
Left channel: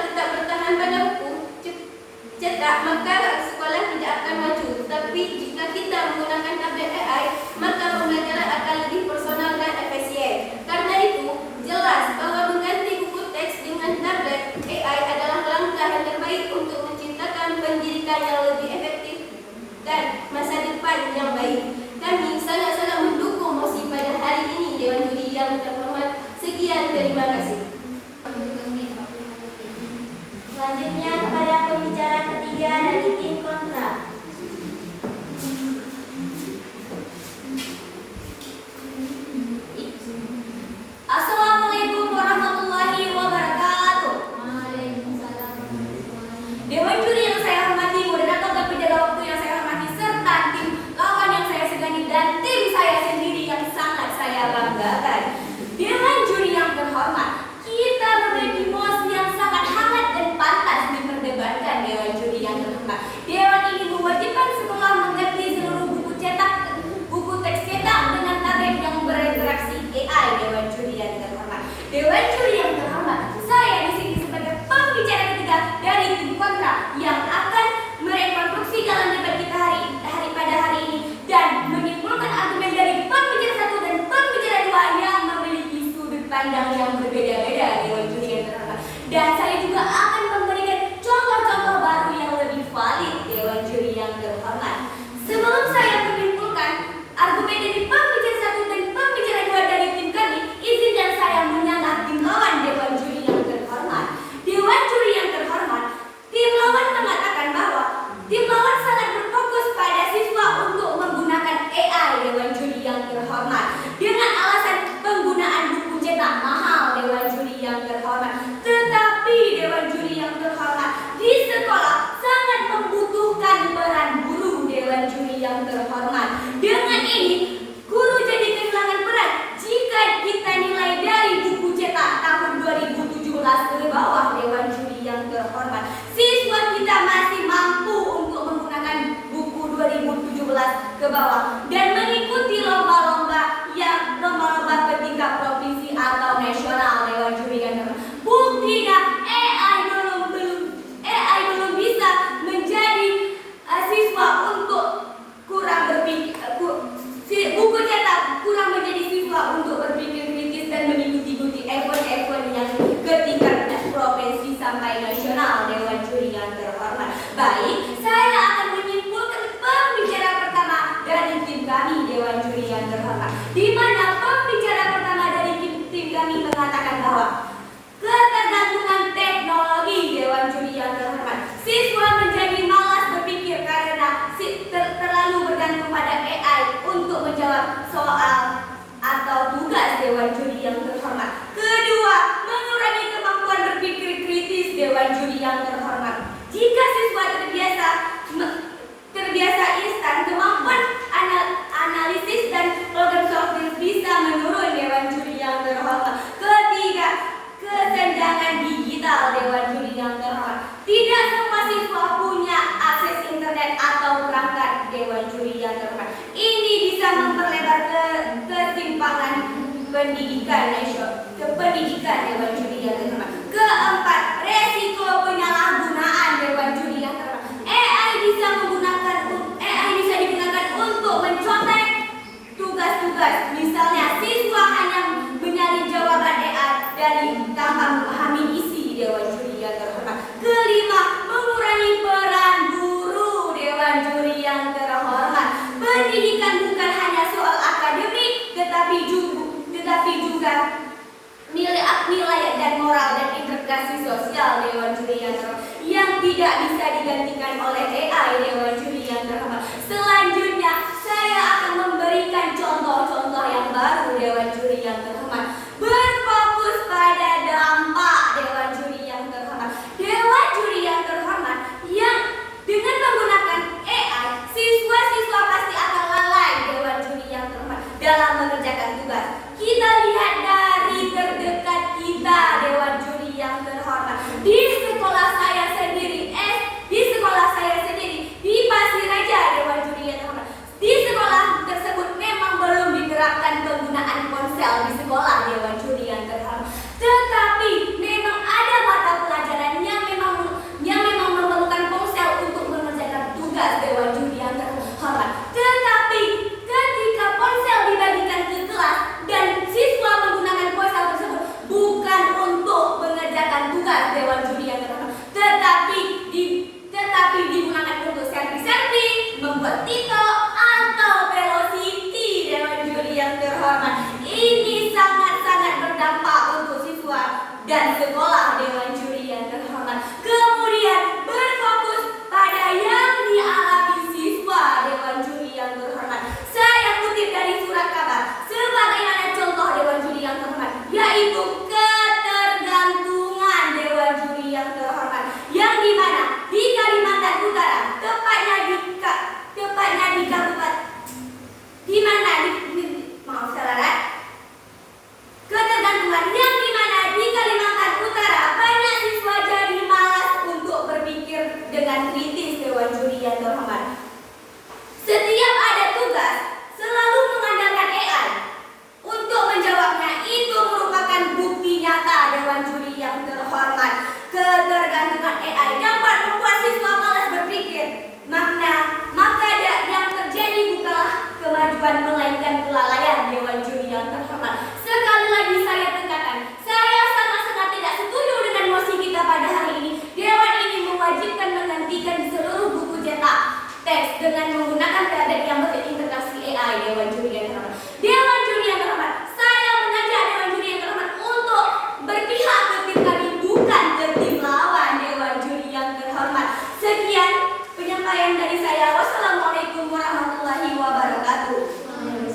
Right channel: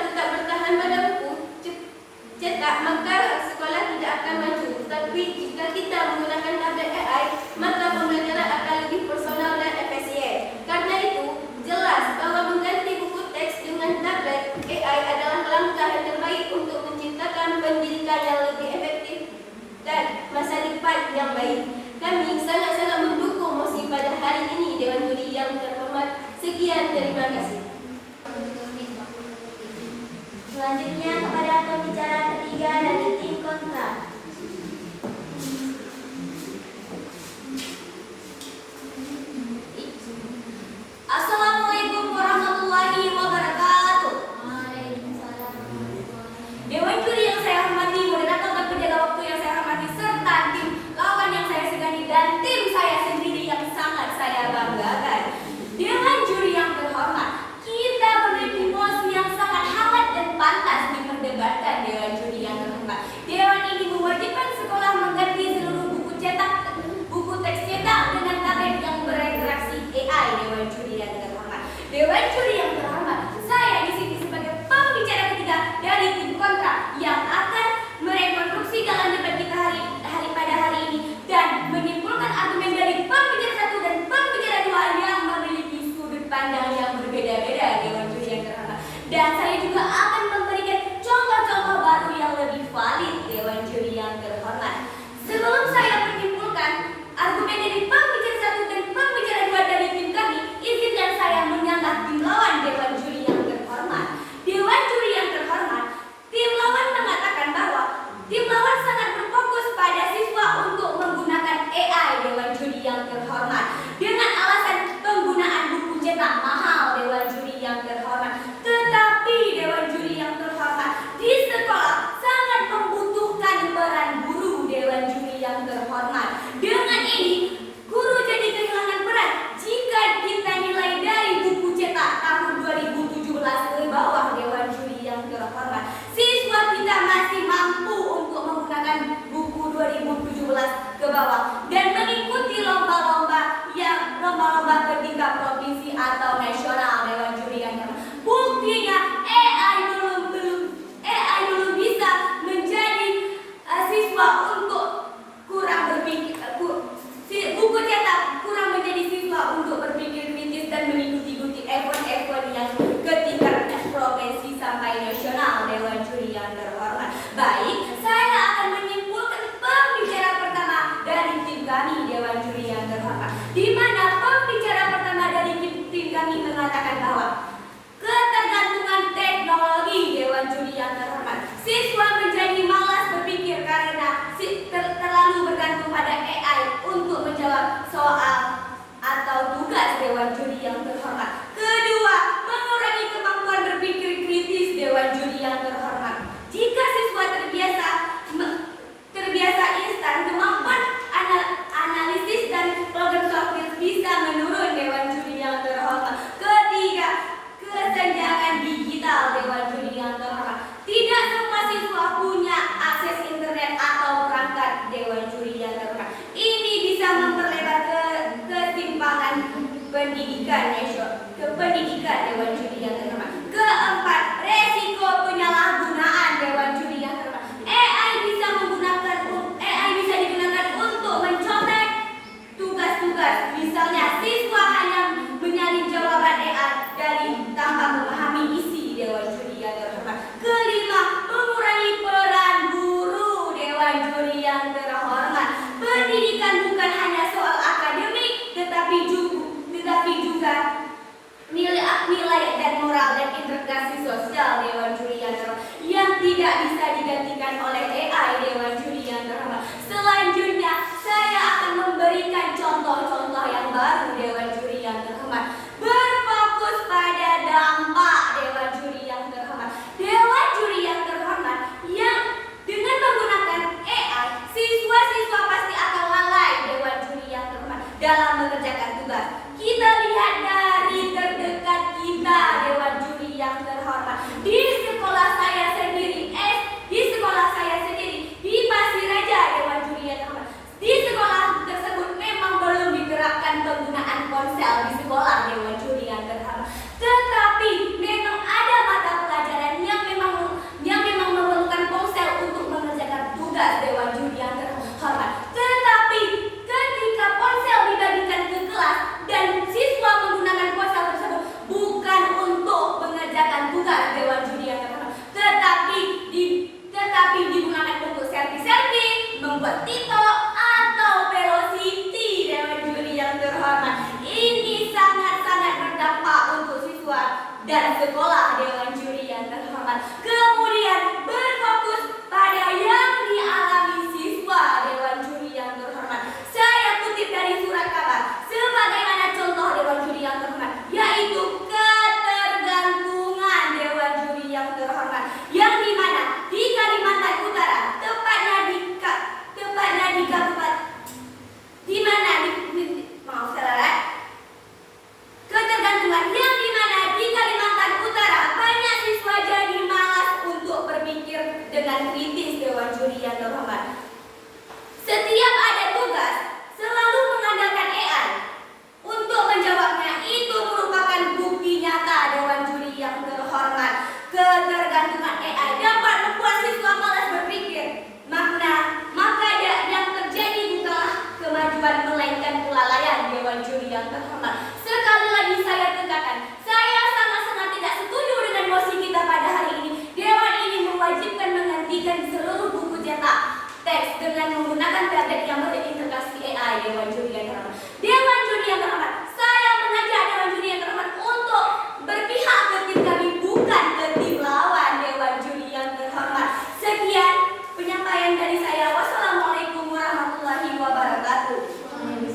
tetap bertahan pada buku cetak, maka sekolah tidak akan maju. Tapi jika kita menggunakan tablet AI, maka pembelajaran akan lebih personal dan efisien. Karena itu, jelas bahwa mengganti buku teks dengan tablet AI adalah langkah yang terbaik untuk menciptakan pendidikan yang lebih efektif dan masa depan yang baik. Kami sangat-sangat mendukung mosi pada hari ini, Dewan Juri yang terhormat. Sekian, terima kasih. Selanjutnya kepada pembicara ketiga dari tim kontra. Assalamualaikum warahmatullahi wabarakatuh. Dewan Juri yang saya hormati, moderator dan penjaga waktu yang saya hormati, serta tim lawan yang saya segani dan tim saya sendiri yang sangat saya banggakan. Dewan Juri yang terhormat, kita memiliki mosi yang sangat hangat dan pantas diperdebatkan. Dewan Juri yang terhormat, Dewan ini mewajibkan sekolah mengganti seluruh buku teks cetak dengan tablet yang berinteraksi AI. Dewan Juri yang terhormat, Dewan Juri yang terhormat, saya di sini sebagai pembicara ketiga dari tim kontra yang akan merekonstruksi jalan debat kita pada hari ini dan menyimpulkan argumen dari pembicara satu dan pembicara dua yang memiliki sudut pandang yang berbeda-beda. Dewan Juri yang terhormat, dan saya juga akan memberikan contoh-contoh baru yang lebih valid. Dewan Juri yang terhormat, sebelum saya menyimpulkan argumen dari pembicara satu dan pembicara dua dari tim kami, izinkan saya menyanggah tim lawan. Dewan Juri yang terhormat, Dewan Juri yang terhormat, tim lawan mengatakan bahwa tim lawan sangat berfokus pada siswa untuk menggunakan AI. Dewan Juri yang terhormat, dengan alasan penggunaan buku cetak mahal. Dewan Juri yang terhormat, tetapi Dewan Juri yang terhormat, di sekolah sangat membutuhkan peran guru. Dewan Juri yang terhormat, dengan ini guru jadi kehilangan peran jika kita nilai dari buku cetak tahun 2017 ke bawah. Dewan Juri yang terhormat, siswa kita masih mampu untuk menggunakan buku 2017 ke bawah dan mengikuti lomba-lomba ke tingkat provinsi atau nasional. Dewan Juri yang terhormat, buktinya AI belum bisa menjadi siswa untuk kurang berpikir, buku cetak kurang menjadi siswa untuk berpikir kritis dan mengikuti event-event yang ke tingkat provinsi sampai nasional. Dewan Juri yang terhormat, baik, saya akan menyimpulkan pembicara pertama dari tim kami. Dewan Juri yang terhormat, di mana pembicara pertama dari tim kami mengatakan bahwa ketergantungan teknologi. Dewan Juri yang terhormat, siswa menjadi malas berpikir karena terlalu bergantung pada AI untuk menjawab soal atau tugas. Dewan Juri yang terhormat, kedua, mengurangi kemampuan berpikir kritis. Dewan Juri yang terhormat, jika siswa terbiasa instan, kemampuan analisis dan program software bisa menurun. Dewan Juri yang terhormat, ketiga, kesenjangan digital. Dewan Juri yang terhormat, tidak semua siswa punya akses internet atau perangkat. Dewan Juri yang terhormat, ini bisa memperlebar ketimpangan pendidikan. Dewan Juri yang terhormat, keempat, resiko penyalahgunaan. Dewan Juri yang terhormat, AI bisa digunakan untuk mencontek tugas-tugas. Misalnya, siswa hanya menyalin jawaban AI dari tanpa memahami isi. Dewan Juri yang terhormat, kelima, mengurangi peran guru. Dewan Juri yang terhormat, pendidikan bukan hanya soal akademik, tetapi juga nilai dan moral dan integrasi sosial. Dewan Juri yang terhormat, yang tidak bisa digantikan oleh AI. Dewan Juri yang terhormat, selanjutnya saya akan memberikan contoh-contoh yang baru. Dewan Juri yang terhormat, berfokus pada dampak. Dewan Juri yang terhormat, Dewan Juri yang terhormat, dengan kritis Dewan Juri yang terhormat. Setiap ada tugas selalu mengandalkan AI untuk menjawabnya. Itu merupakan bukti nyata Dewan Juri yang terhormat. Ketergantungan AI dapat membuat siswa malas berpikir. Maka yang terjadi bukanlah kemajuan melainkan kelalaian Dewan Juri yang terhormat. Sekali lagi saya tekankan, saya sangat-sangat tidak setuju dengan mosi kita pada hari ini. Dewan ini mewajibkan menghentikan seluruh buku cetak teks dengan menggunakan tablet yang berintegrasi AI. Dewan Juri yang terhormat. Dewan Juri yang terhormat, saya mengajak Dewan Juri yang terhormat untuk berpihak ke tim kami, bukan ke tim lawan. Dewan Juri yang terhormat. Sekian penyampaian dari saya. Wassalamualaikum warahmatullahi wabarakatuh.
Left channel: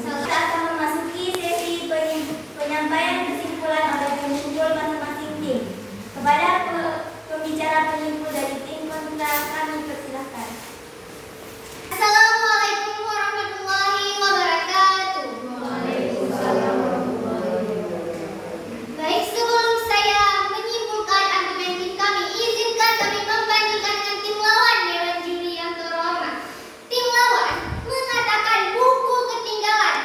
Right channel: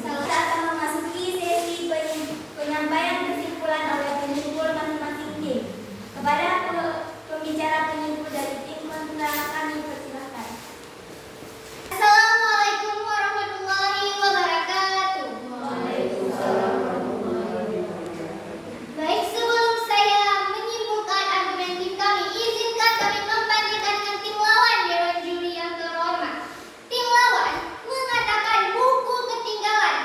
Kita akan memasuki sesi penyampaian kesimpulan oleh penyimpul masing-masing tim. Kepada pembicara penyimpul dari tim kontra kami persilahkan. Assalamualaikum warahmatullahi wabarakatuh. Baik, sebelum saya menyimpulkan argumen tim kami, izinkan kami membandingkan dengan tim lawan Dewan Juri yang terhormat. Tim lawan mengatakan buku ketinggalan.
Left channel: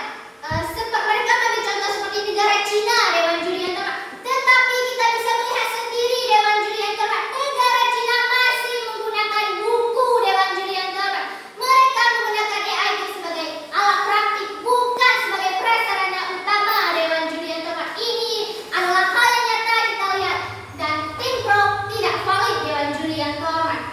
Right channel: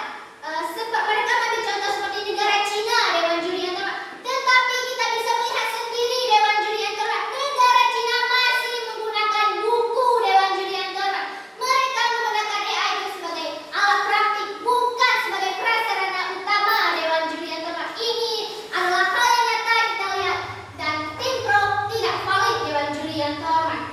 Mereka ambil contoh seperti negara Cina, Dewan Juri yang terhormat. Tetapi kita bisa melihat sendiri Dewan Juri yang terhormat, negara Cina masih menggunakan buku Dewan Juri yang terhormat. Mereka menggunakan AI itu sebagai alat praktik, bukan sebagai prasarana utama Dewan Juri yang terhormat. Ini adalah hal yang nyata kita lihat, dan tim pro tidak valid Dewan Juri yang terhormat.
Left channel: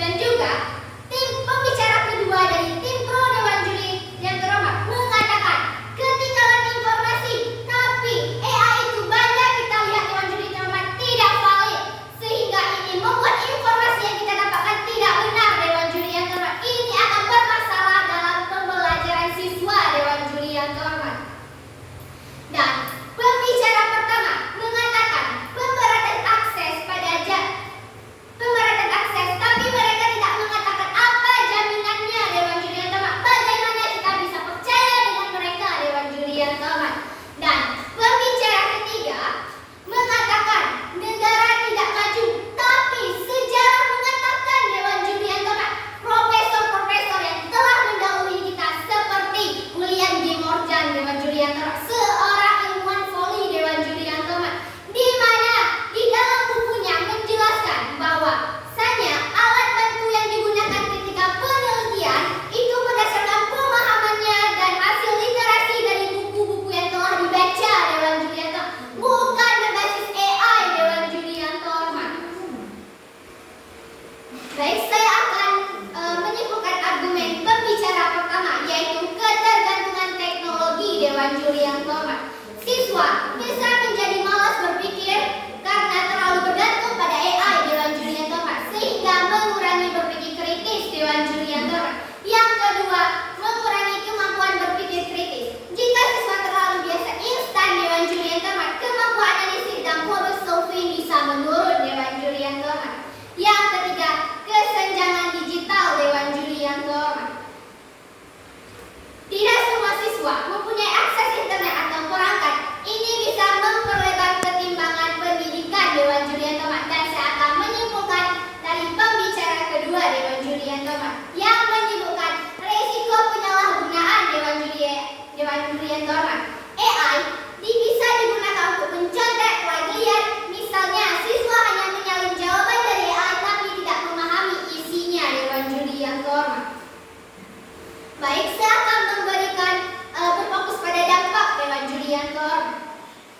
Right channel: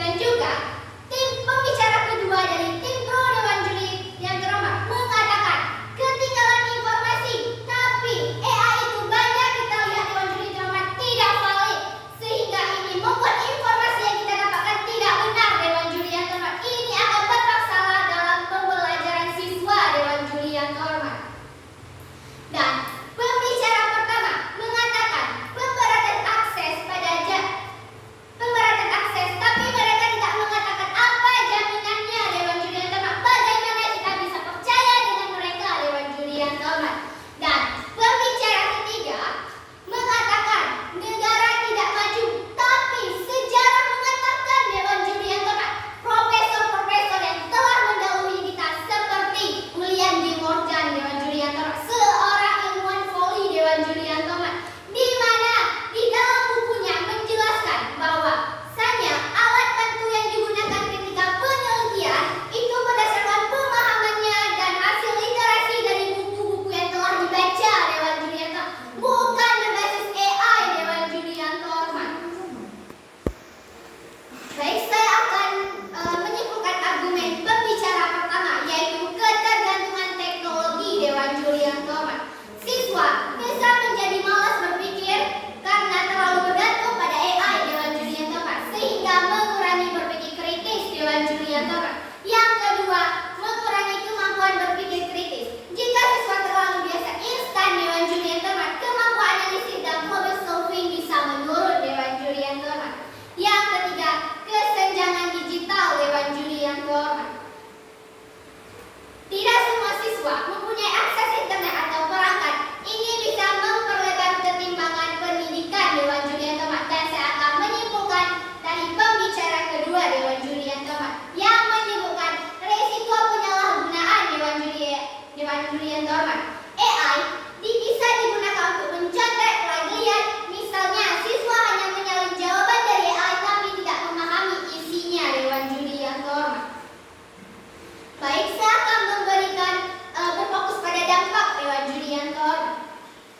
Dan juga tim pembicara kedua dari tim pro Dewan Juri yang terhormat mengatakan ketinggalan informasi, tapi AI itu banyak kita lihat Dewan Juri yang terhormat tidak valid, sehingga ini membuat informasi yang kita dapatkan tidak benar Dewan Juri yang terhormat. Ini akan bermasalah dalam pembelajaran siswa Dewan Juri yang terhormat. Dan pembicara pertama mengatakan pemberatan akses tapi mereka tidak mengatakan apa jaminannya Dewan Juri yang terhormat. Bagaimana kita bisa percaya dengan mereka Dewan Juri yang terhormat. Dan pembicara ketiga mengatakan negara tidak maju, tapi sejarah mengatakan Dewan Juri yang terhormat, profesor-profesor yang telah mendahului kita seperti William D. Morgan Dewan Juri yang terhormat, seorang ilmuwan voli Dewan Juri yang terhormat, di mana di dalam bukunya menjelaskan bahwa alat bantu yang digunakan ketika penelitian itu berdasarkan pemahamannya dan hasil literasi dari buku-buku yang telah dibaca Dewan Juri yang terhormat, bukan berbasis AI Dewan Juri yang terhormat. Baik, saya akan menyimpulkan argumen pembicara pertama, yaitu ketergantungan teknologi Dewan Juri yang terhormat. Siswa bisa menjadi malas berpikir karena terlalu bergantung pada AI Dewan Juri yang terhormat, sehingga mengurangi berpikir kritis Dewan Juri yang terhormat. Yang kedua, mengurangi kemampuan berpikir kritis. Jika siswa terlalu biasa instan Dewan Juri yang terhormat, kemampuan analisis dan problem solving bisa menurun Dewan Juri yang terhormat. Yang ketiga, kesenjangan digital Dewan Juri yang terhormat. Tidak semua siswa mempunyai akses internet atau perangkat. Ini bisa memperlebar ketimbangan pendidikan Dewan Juri yang terhormat. Dan saya akan menyimpulkan dari pembicara kedua Dewan Juri yang terhormat, yang menyebutkan resiko penyalahgunaan Dewan Juri yang terhormat. AI bisa digunakan untuk mencontek plagiat. Misalnya, siswa hanya menyalin jawaban dari AI tapi tidak memahami isinya Dewan Juri yang terhormat. Baik, saya akan berfokus pada dampak Dewan Juri yang terhormat.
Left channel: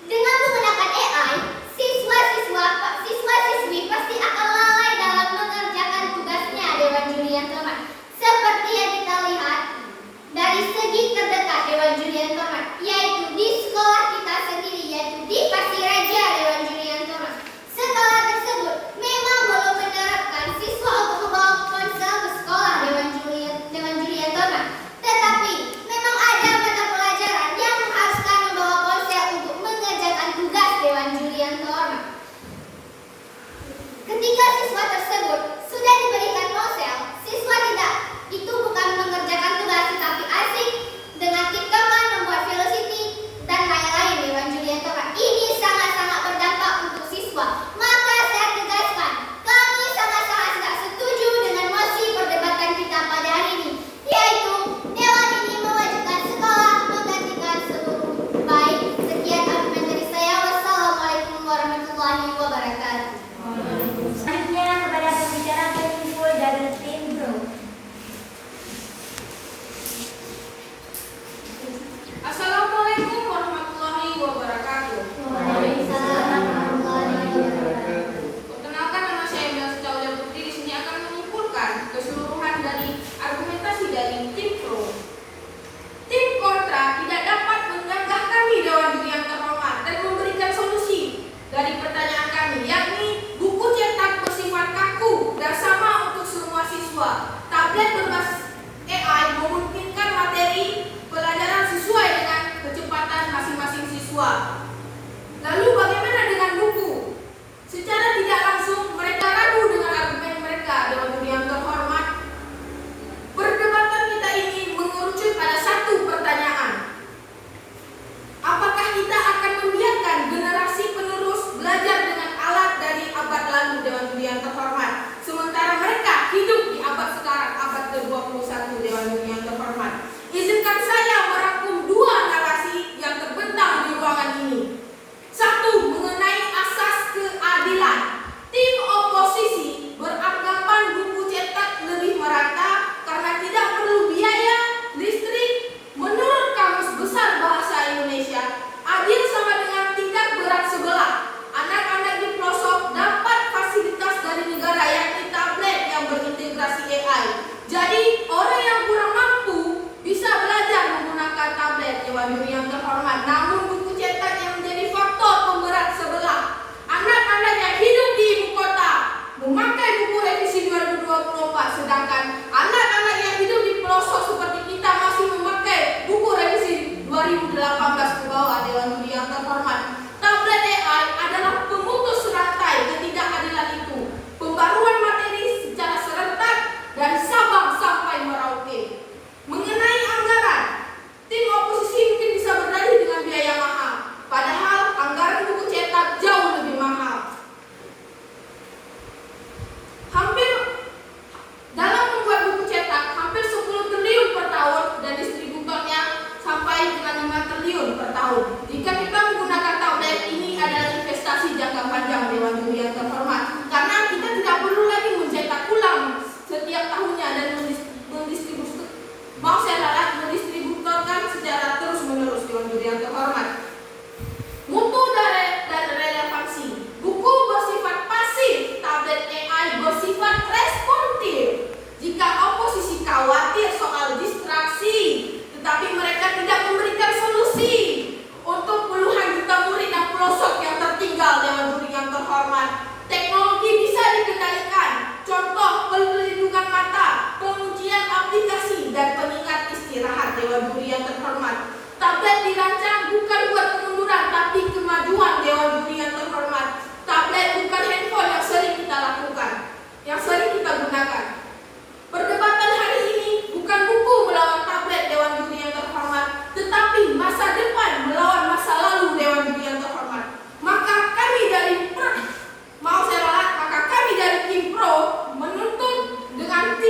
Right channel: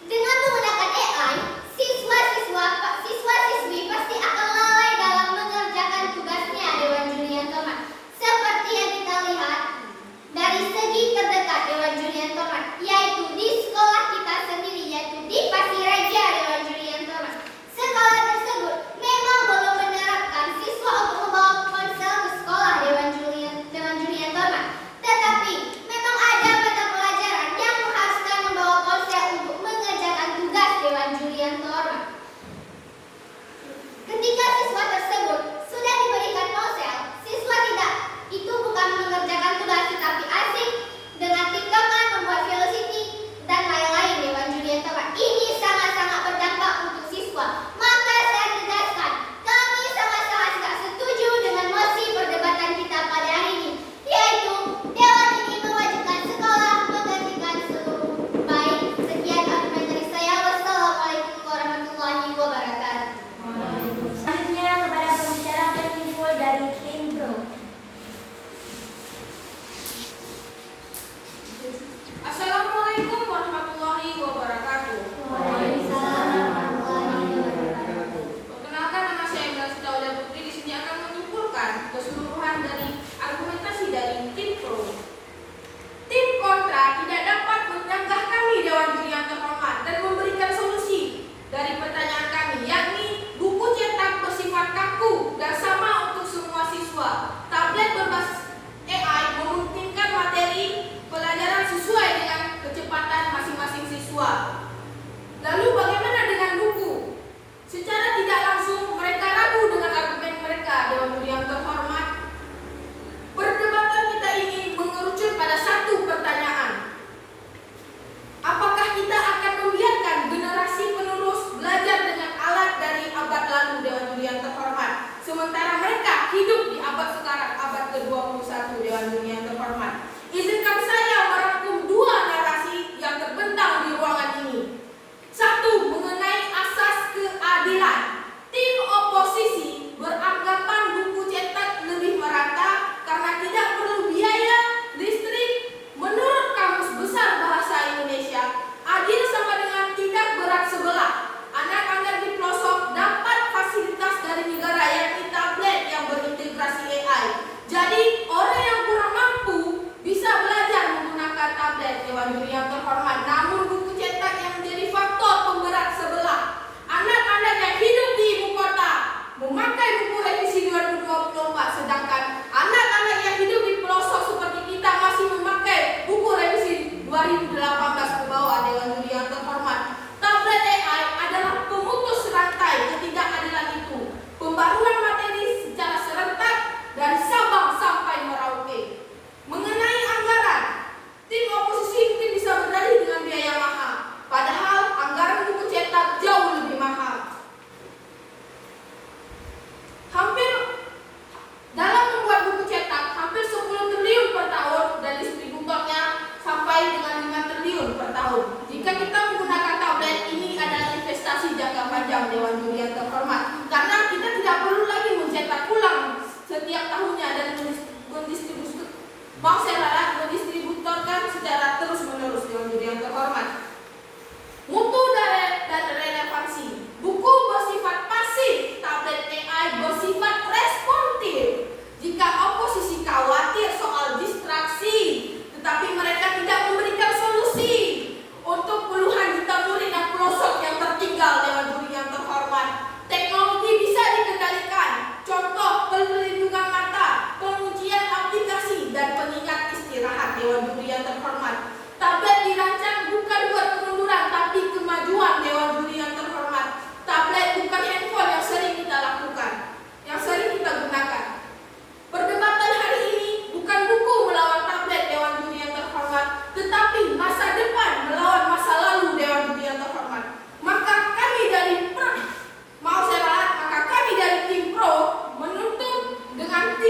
Dengan menggunakan AI, siswa-siswi pasti akan lalai dalam mengerjakan tugasnya Dewan Juri yang terhormat. Seperti yang kita lihat dari segi terdekat Dewan Juri yang terhormat, yaitu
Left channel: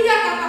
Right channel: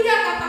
Iya kata